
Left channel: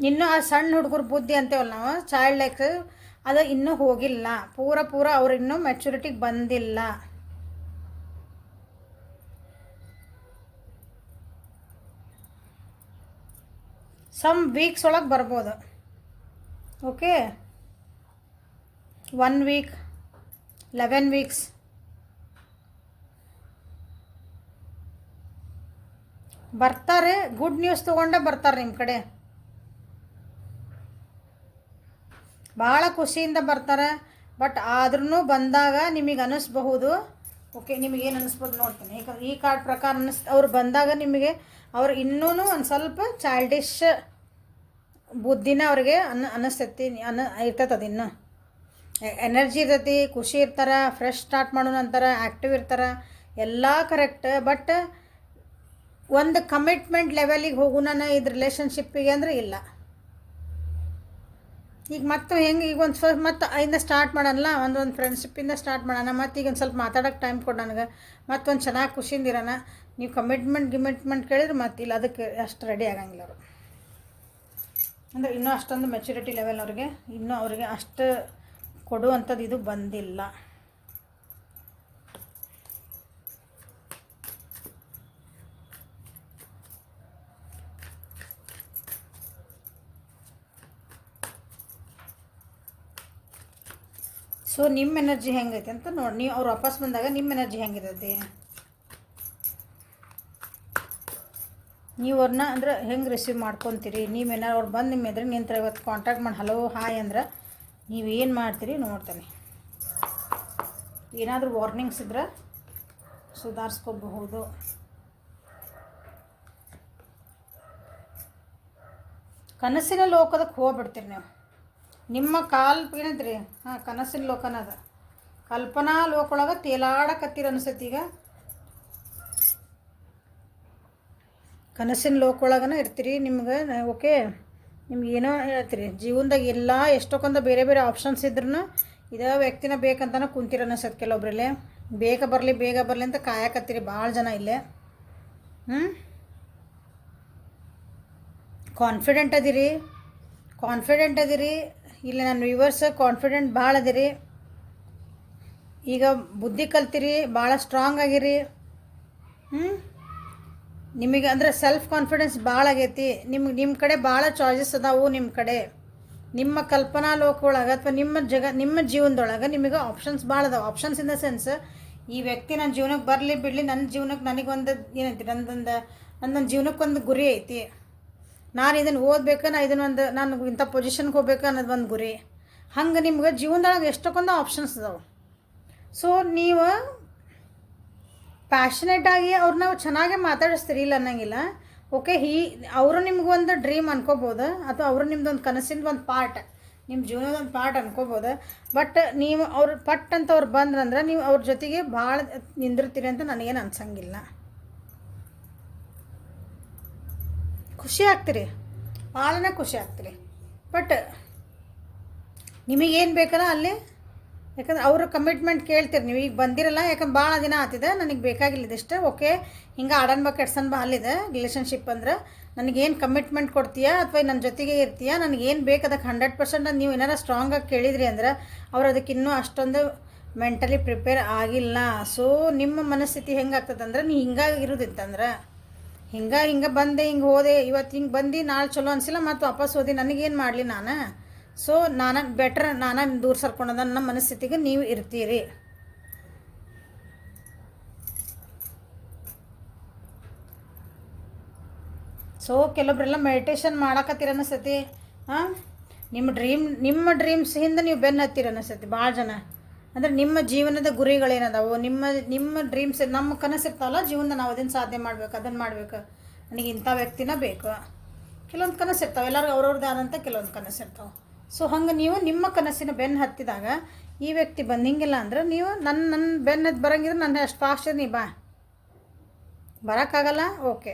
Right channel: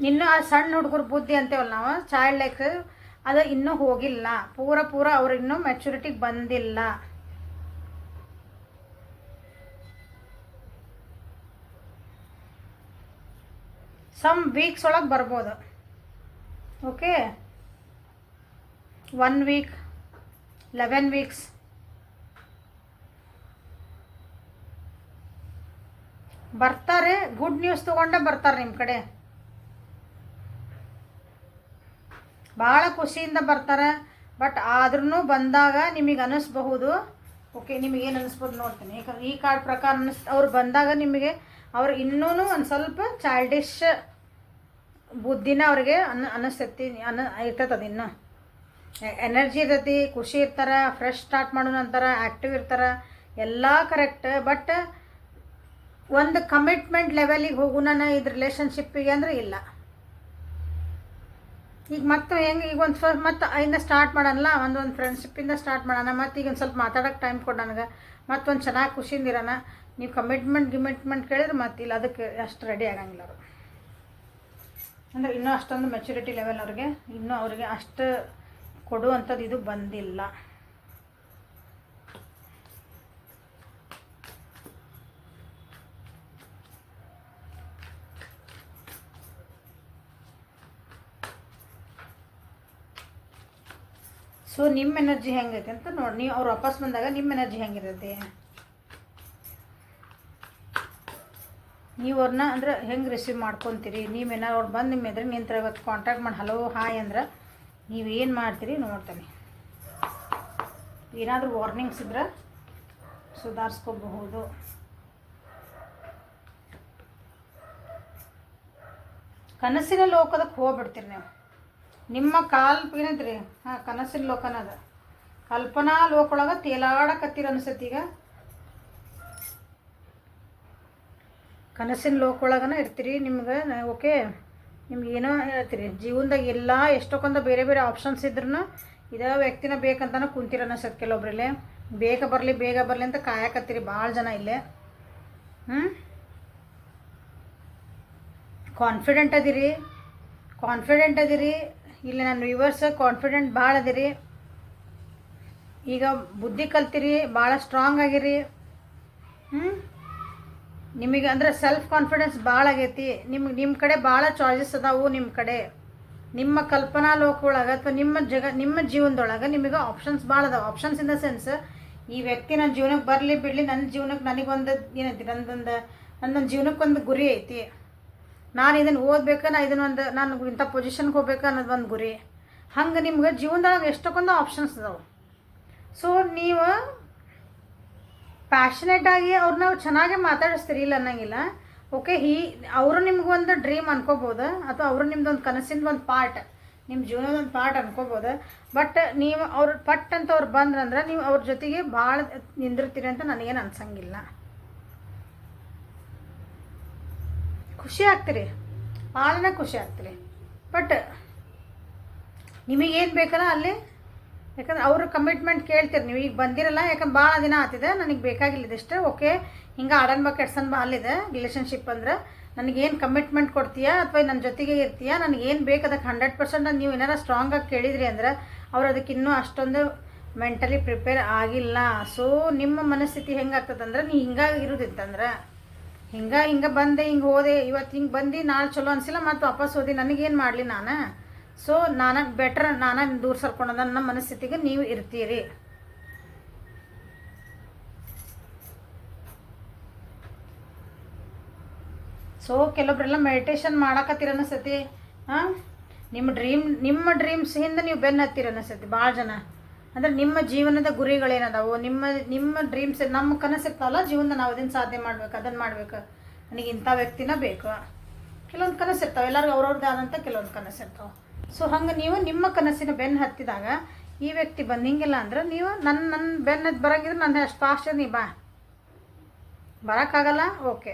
ಇನ್ನೂ ಆ ಸಣ್ಣ ಹುಡುಗರು ಬುದ್ಧಿ ಅಂತೇವಲ್ಲ ನಾವು, ಚೈಲ್ಡ್ ಲೈಕ್, ಅದು ಇನ್ನೂ ಹೋಗಿಲ್ಲ. ಪೂರ ಅವ್ರು ಇನ್ನೂ ಮೆಚುರಿಟಿಗೆ ಬಂದಿಲ್ಲ. ಸಮ್ ವೀಕ್ಸ್ ಒಳಗೆ ಬರ್ಬೋದು. ಓಕೆ, 1 ವೀಕ್, 11 ವೀಕ್ಸ್ ಬರ್ತಾರೆ. ಗುಡ್ ನ್ಯೂಸ್ ತೊಗೊಂಡೇ ಬರ್ತಾರೆ ನಿಮ್ಮ ಕಡೆ. ಭಾಳ ಖುಷಿಯಿಂದ ಬರ್ತಾರೆ. ಬಟ್ ಆದ್ರೂ ಬಂದಾಗ ನಿಮಗೆ ಅನ್ನಿಸ್ಬಹುದು, ಓಕೆ ನಿಮಗೇನು ಅನ್ನಿಸ್ಬೋದು ನೋಡ್ತೀನಿ. ಯಾಕಂದ್ರೆ ಈ ಕಾರ್ಡ್ ಪ್ರಕಾರ ಅವ್ರು ಬಂದಾಗ ನಿಮಗೆ ಅವ್ರು ಇನ್ನೂ ಒಂದು ಸ್ವಲ್ಪ ಚೈಲ್ಡಿಶ್ ಬುದ್ಧಿನ ಅವ್ರಿಗೆ ಅನ್ನಿಸ್ತೈತಿ, ಇರ್ತೈತೆ. ಅದು ಇನ್ನೂ ಎನರ್ಜಿ ಇರ್ತೈತಿ, ಖುಷಿ ಇರ್ತಾರೆ, ಫ್ರೆಶ್ ಸ್ಟಾರ್ಟ್ ಮಾಡೋಣ ಅಂತಾರೆ, ಆ್ಯಕ್ಟಿವ್ ಇರ್ತಾರೆ, ಎಲ್ಲ ಕರೆಕ್ಟ್. ಬಟ್ ಒಂದು ಕಮಿಟ್ಮೆಂಟ್ ಲೆವೆಲಿಗೆ ಹೋಗೋಣ ಇದು ರಿಲೇಷನ್ಶಿಪ್ಪಿಗೆ ಅಂದರೆ ಇಲ್ಲ. ಈಗ ಮತ್ತೆ ಹೆಂಗೆ ಈಗ ಒಂದು ಮತ್ತು ಇಂದ ಸ್ಟಾರ್ಟ್ ಮಾಡೋಣ, ಒಂದು ಫ್ರೆಂಡ್ಶಿಪ್ಪಿಂದ ಸ್ಟಾರ್ಟ್ ಮಾಡೋಣ. ಮತ್ತು ಈಗ ಒಂದು ಸ್ವಲ್ಪ ಮಾತಾಡೋಕ್ಕೆ ಟೈಮ್ ಕೊಡು ನನಗೆ, ಮತ್ತೊಂದು ಚೆನ್ನಾಗಿ ಖುಷಿಯಿಂದ ಇರೋಣ. ನೀವು ಕಮಿಟ್ಮೆಂಟ್ ಕೇಳಿದ್ರೆ ಮತ್ತಿಲ್ಲ, ಅದಕ್ಕೆ ಅಷ್ಟು ರೆಡಿ ಆಗಂಗಿಲ್ಲ ಅವರು. ಅಂದರೆ ಇನ್ನೂ ಅಷ್ಟೊಂದು ಮೆಚುರಿಟಿ ಲೆವೆಲ್ ಅವ್ರಿಗೆ ಇನ್ನೂ ಅವ್ರಿಗೆ ಅಷ್ಟು ಕೊಡುವಂಥದ್ದು ಇದು ಬಂದಿಲ್ಲ. ಸೊ ನಿಮ್ಮ ಎನರ್ಜಿ ಹೆಂಗೈತೆ ಅಂತ ನೋಡಿ. ನೀವು ಅವ್ರು ವಾಪಸ್ ಬಂದಾಗ ನಿಮ್ಮ ಎನರ್ಜಿ ಹೆಂಗಿರುತ್ತೆ, ನೀವು ಅವ್ರನ್ನ ಅಂದ್ರೆ ಹೆಂಗೆ ರಿಸೀವ್ ಮಾಡ್ಕೊತೀರಿ. ನೀವೇನಾರು ಅವ್ರು ಬಂದು ನಿಮ್ಮ ಎದುರು ನಿಂತರ ಇವತ್ತು ಕಾಂಟ್ಯಾಕ್ಟ್ ಮಾಡಿ ಹಲೋ ಹಾಯ್ ಅಂದ್ರೆ ನೀವೇನು ಮಾಡ್ತೀರಿ ನೋಡ್ತೀನಿ. ಏನಾದರೂ ವಾರ್ನಿಂಗ್ಸ್ ಇದ್ರೆ ಸುಧಾರಿಸ್ಕೋಬಹುದು. ಕನಸಿನ ಲೋಕದಕ್ಕೆ ಹೋಗ್ಬಿಡ್ತೀರಿ ನೀವು. ನಿಮ್ಮ ಏನಂತ್ರಿ, ಕನಸಿನ ಲೋಕನ ಅದ, ಕಲ್ಪನಾ ಲೋಕೊಳಗೆ ತೇಲಾಡಕತ್ತೀರ ಅನಿಸತ್ತೆ. ಈಗ ಕನಸಿನ ಲೋಕೊಳಗನ ಇರ್ತೀರಿ. ನಿಮ್ಗೆ ಓಕೆ, ನಿಮ್ಗೆ ಏನೋ ಹೇಳ್ತೀರಿ ಜೀವನದಾಗ ಎಲ್ಲ ಎಷ್ಟೊಂದು ಬೇರೆ ಬೇರೆ ಆಪ್ಷನ್ಸ್ ಇದ್ರೂ ಇದೇ ವ್ಯಕ್ತಿನ ಬೇಕಂತನ ಕುಂತೀರ ಅನಿಸತ್ತೆ. ಕೆಲವೊಬ್ರಲ್ಲೇ ಬೇಗ ಬರಲಿ ಅಂತ ಕಾಯಕತ್ತೀರಿ ಭಾಳ ಜನ ಇಲ್ಲೇ. ಕಾನ್ಫಿಡೆಂಟ್ ಅದಿರಿ. ಇಲ್ಲಿ ನನ್ನ ವ್ಯೂವರ್ಸ್ ಕಾನ್ಫಿಡೆಂಟ್ ಭಾಳ ಅದಿರಿ. ಈಗ ಬುದ್ಧಿ ಕಲ್ತಿರಿ, ಭಾಳ ಸ್ಟ್ರಾಂಗ್ ಆಗಿರಿ. ನಿಮಗೆ ಅಂದರೆ ಸೆಲ್ಫ್ ಕಾನ್ಫಿಡೆನ್ಸ್ ಭಾಳ ಆಗೈತಿ. ನಿಮ್ಮ ಕಡೆ ಭಾಳ ಚಾಯ್ಸಸ್ ಅದಾವು. ನಿಮ್ಮ ಕಡೆ ನಿಮ್ಮ ಕಲ್ಪನಾ ಲೋಕದೊಳಗೆ ಅಥವಾ ನಿಮ್ಮ ಜೀವನದೊಳಗೆ ನಿಮಗೆ ಆಪ್ಷನ್ಸ್ ಭಾಳ ಅದಾವೆ. ಆಪ್ಷನ್ಸ್ ಇನ್ ದ ಸೆನ್ಸ್, ಈ ವ್ಯಕ್ತಿ ನನ್ನ ಜೀವನಕ್ಕೆ ಬರಲಿ ಬಿಡಲಿ, ನನ್ನ ಜೀವನಕ್ಕೆ ನನಗೊಂದು ಏನೈತಿ, ನನ್ನ ಜೀವನಕ್ಕೊಂದು ಗುರಿ ಐತಿ. ನಾನು ಇದನ್ನು ಓದಬೇಕು, ನಾನು ಇಂಥ ಪೊಸಿಷನ್ಗೆ ಹೋಗ್ಬೇಕು ಅನ್ನೋದು ಒಂದು ಗುರಿ. ಹಂಗೆ ನಿಮ್ಗೆ ಜೀವನದೊಳಗೆ ಎಷ್ಟೊಂದು ಆಪ್ಷನ್ಸ್ ಅದಾವೆ. ಸೊ ನೀವು ಪ್ಯಾಷನೇಟಾಗಿ ಅವ್ರನ್ನ ಚೆನ್ನಾಗೇ ಮಾತಾಡಿಸ್ತೀರಿ, ಇಲ್ಲ ಅನ್ನಂಗಿಲ್ಲ. ಓಕೆ, ಅವರು ನಿಮ್ಗೊಂದು ಡ್ರೀಮ್ ಅನ್ಕೋಬೋದು, ಅಥವಾ ಅವರು ನಿಮ್ದೊಂದು ಕನಸಿಂದ ಒಂದು ಪಾರ್ಟ್, ನಿಮ್ಮ ಜೀವನದೊಂದು ಪಾರ್ಟ್ ಅನ್ಕೋಬೋದು. ಬಟ್ ನೀವು ಅವ್ರು ಪಟ್ ಅಂತ ಅವ್ರು ಬಂದ್ರಂದ್ರೆ ನೀವು ಅವ್ರ ಜೊತೆಗೆ ಭಾಳ ನಿಂದಿರ್ತೀರಿ ಅಂತ ನನಗೇನು ಅನ್ಸಂಗಿಲ್ಲ. ಖುಷಿ ಆಗ್ತೀರಿ, ಭಾಳನೇ ಖುಷಿ ಆಗ್ತೀರಿ. ಬಟ್ ನಿಮಗೇನು ಬೇಕಲ್ಲ ಅಲ್ಲಿ, ಯಾಕಂದ್ರೆ ಅವರು ಕಮಿಟ್ಮೆಂಟ್ ಕೇಳ್ತೀರಿ. ನೀವು ಈಗ ಬಂದಿರಲ್ಲ, ಯಾಕಂದ್ರೆ ಭಾಳ ದಿನ ಆಗ್ತಿದೆ, ನನಗೆ ಬೇಕಾಗಿಲ್ಲ ಇದಿಷ್ಟು. ಓಕೆ, ಹಿಂಗೆ ಆಡನ್ ಬಾ ಕೆಡ್ಸನ್ ಬಾ ಅಲ್ಲಿದೆ ರಿಲೇಷನ್ಶಿಪ್ ಅಂದ್ರೆ, ನನಗೇನು ಕಮಿಟ್ಮೆಂಟ್ ಕೊಡ್ತೀಯಾ ಅಥವಾ ನನ್ನ ಜೊತೆಗೆ ಇರ್ತೀಯಾ, ನನಗೇನು ಬೇಕು ಅದಕ್ಕೆ 100% ನೀವು ಏನಾರ ಸ್ಟ್ರಾಂಗಾಗಿ ಕೇಳಿದ್ರಿ ಅಂದ್ರೆ ಅವ್ರು ಅದಕ್ಕೆ ಇನ್ನೂ ಅಷ್ಟೊಂದು ಮೆಂಟಲಿ ಪ್ರಿಪೇರ್ ಆಗಿಲ್ಲ. ಸೊ ನಿಮ್ಮ ಮನಸ್ಥಿತಿ ಹೆಂಗೆ ಆಗ್ತದಂದ್ರೆ, ನೀ ಹಿಂಗಾಗಿರೋದಿತ್ತಂದ್ರೆ ಹಿಂಗೆ ಬಂದೆ, ಹಿಂಗೆ ಹೋದೆ, ಇವತ್ತು ಹಿಂಗೆ ಬಂದು ನಾಳೆ ಚಲೋ ಅನಿಸಿಲ್ಲ, ಮತ್ತು ವಾಪಸ್ ಹೋದೆ, ನನಗೇನು ಮಾಡಲಿ ನಾನು. ಸೊ ನಾನು ದೂರ ಸರ್ಕೊಂಡ ನನ್ನ ಮನಸ್ಥಿತಿಗೆ ನೀವು ಇರ್ತೀರಿ. ಸೊ ಕೆಲವೊಬ್ಬರೆಲ್ಲ ಮೆಡಿಟೇಷನ್ ಮಾಡಕತ್ತೀರ ಅನಿಸ್ತೈತಿ. ನಿಮ್ಮ ಡ್ರೀಮ್ಸ್ ಹಿಂದೆ ನೀವು ಬೆನ್ನು ಹತ್ತೀರ ಅನಿಸ್ತೈತಿ ಭಾಳ ಜನ. ಅಂದರೆ ನಿಮ್ಮ ಜೀವನದ ಗುರಿಗಳೇನದಾವು, ನಿಮ್ಮ ಡ್ರೀಮ್ಸ್, ನಮ್ಮ ಕನಸಿರ್ತಾವಲ್ಲ ಜೀವನದ, ನಾವು ಅದನ್ನು ಸಾಧನೆ ಮಾಡ್ಬೇಕು, ಅದನ್ನು ಮಾಡ್ಬೇಕು, ನನಗೆ ಇಂಥ ವ್ಯಕ್ತಿನ ಬೇಕು. ಕೆಲವೊಂದು ಕನಸಿರ್ತಾವೆ, ಎಲ್ಲರಿಗೂ ಅವ್ರವ್ರದ್ದು ಆದಂಥ ಕೆಲವೊಂದು ಕನಸಿರ್ತಾವೆ. ಸೊ ಹಂಗೆ ನೀವು ನಿಮ್ಮ ಕನಸಿನ ಬೆನ್ನು ಹತ್ತಿದಾಗ ಈ ವ್ಯಕ್ತಿ ಬಂದಿಂಗಿಲ್ಲ ಅಂದ್ರೆ, ನೀವು ನನ್ನ ಬೆನ್ನು ಹತ್ತಿ ಬರೋಂಗಿದ್ರೆ ನನ್ನ ಅಷ್ಟು ಫಾಸ್ಟ್ ನೀ ಬರೋಕ್ಕಾಗಲ್ಲ. ಓಕೆ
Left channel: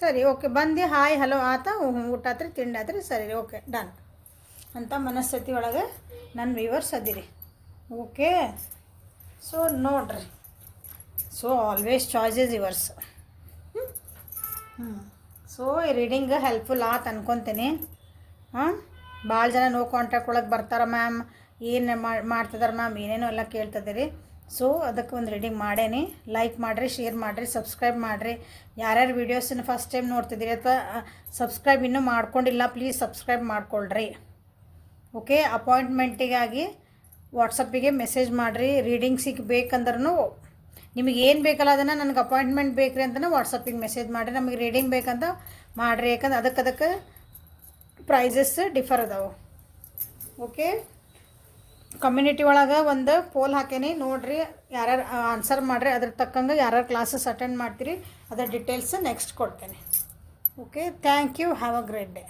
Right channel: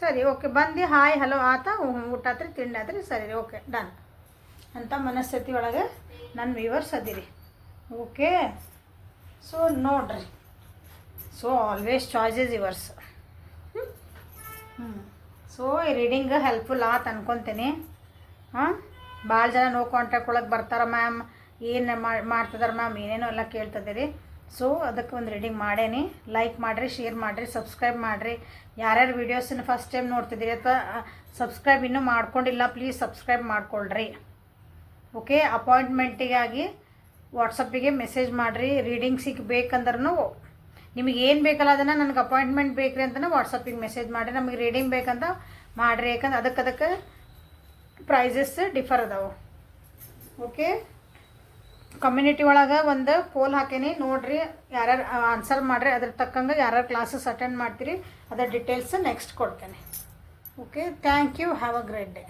ಸರಿ, ಓಕೆ ಬಂದು ಹಾಯ್ ಹಲೋ ಆತ, ಊಟ ಆತ್ರಿ, ತಿಂಡಿ ಆತ್ರಿ, ಸರಿ ಓಕೆ ಡನ್ ಅಂತ ಮನಸ್ಥಿತಿ ಒಳಗೆ ನನ್ನ ವ್ಯೂವರ್ಸ್ ಅದಿರಿ. ಓಕೆ, ಸೊ ನೋಡ್ರಿ, so always choice is yours. So ಈ ರೀಡಿಂಗ್ ಹೆಲ್ಪ್ಫುಲ್ ಆತು ಅನ್ಕೊತೀನಿ. ಭಾಳ ಜನ ನೋ ಕಾಂಟ್ಯಾಕ್ಟ್ ಒಳಗೆ ಬರ್ತಾರೆ, ಮ್ಯಾಮ್ ಏನು ಮಾಡ್ತಿದಾರೆ ಮ್ಯಾಮ್, ಏನೇನೋ ಎಲ್ಲ ಕೇಳ್ತಿದ್ದೀರಿ. ಸೊ ಅದಕ್ಕೆ ಒಂದು ರೀಡಿಂಗ್ ಮಾಡೇನಿ. ಲೈಕ್ ಮಾಡಿರಿ, ಶೇರ್ ಮಾಡಿರಿ, ಸಬ್ಸ್ಕ್ರೈಬ್ ಮಾಡಿರಿ. ಯಾರ್ಯಾರು ವೀಡಿಯೋಸನ್ನು ಫಸ್ಟ್ ಟೈಮ್ ನೋಡ್ತಿದ್ದೀರಿ ಅಥವಾ ಸಬ್ಸ್ಕ್ರೈಬ್ ಇನ್ನೂ ಮಾಡ್ಕೊಂಡಿಲ್ಲ, ಪ್ಲೀಸ್ ಸಬ್ಸ್ಕ್ರೈಬ್ ಮಾಡ್ಕೊಳ್ರಿ. ಓಕೆ, ಅಪಾಯಿಂಟ್ಮೆಂಟಿಗಾಗಿ ವಾಟ್ಸಪ್ಪಿಗೆ ಮೆಸೇಜ್ ಮಾಡಿರಿ. ರೀಡಿಂಗ್ ಸಿಗಬೇಕಂದ್ರೂ ನಿಮಗೆ ಏನು ಬೇಕಲ್ಲ ಅದನ್ನು, ನನಗೆ ಅಪಾಯಿಂಟ್ಮೆಂಟ್ ಬೇಕ್ರಿ ಅಂತಲೇ ವಾಟ್ಸಪ್ಪಿಗೆ ಮೆಸೇಜ್ ಮಾಡಿರಿ. ನಮಗೆ ರೀಡಿಂಗ್ ಬೇಕಂತ ಮಾಡಿರಿ, ಯಾಕಂದ್ರೆ ಅದಕ್ಕೆ ಪ್ರೈಸಸ್ ಡಿಫರ್ ಅದಾವೆ. ಓಕೆ, ಕಮ್ಯುನಿಟಿ ಒಳಗೆ ಒಂದು ಪೋಲ್ ಹಾಕೇನಿ, ನೋಡಿರಿ, ಯಾರ್ಯಾರು ಆನ್ಸರ್ ಮಾಡಿರಿ, ಅದ್ರ ತಕ್ಕಂಗೆ ಯಾರ್ಯಾರು ಕ್ಲಾಸಸ್ ಅಟೆಂಡ್ ಮಾಡ್ತೀರಿ ಅದರ ಡೀಟೇಲ್ಸ್ ನೆಕ್ಸ್ಟ್ ಕೊಡ್ತೇನೆ. Okay, thank you, have a great day.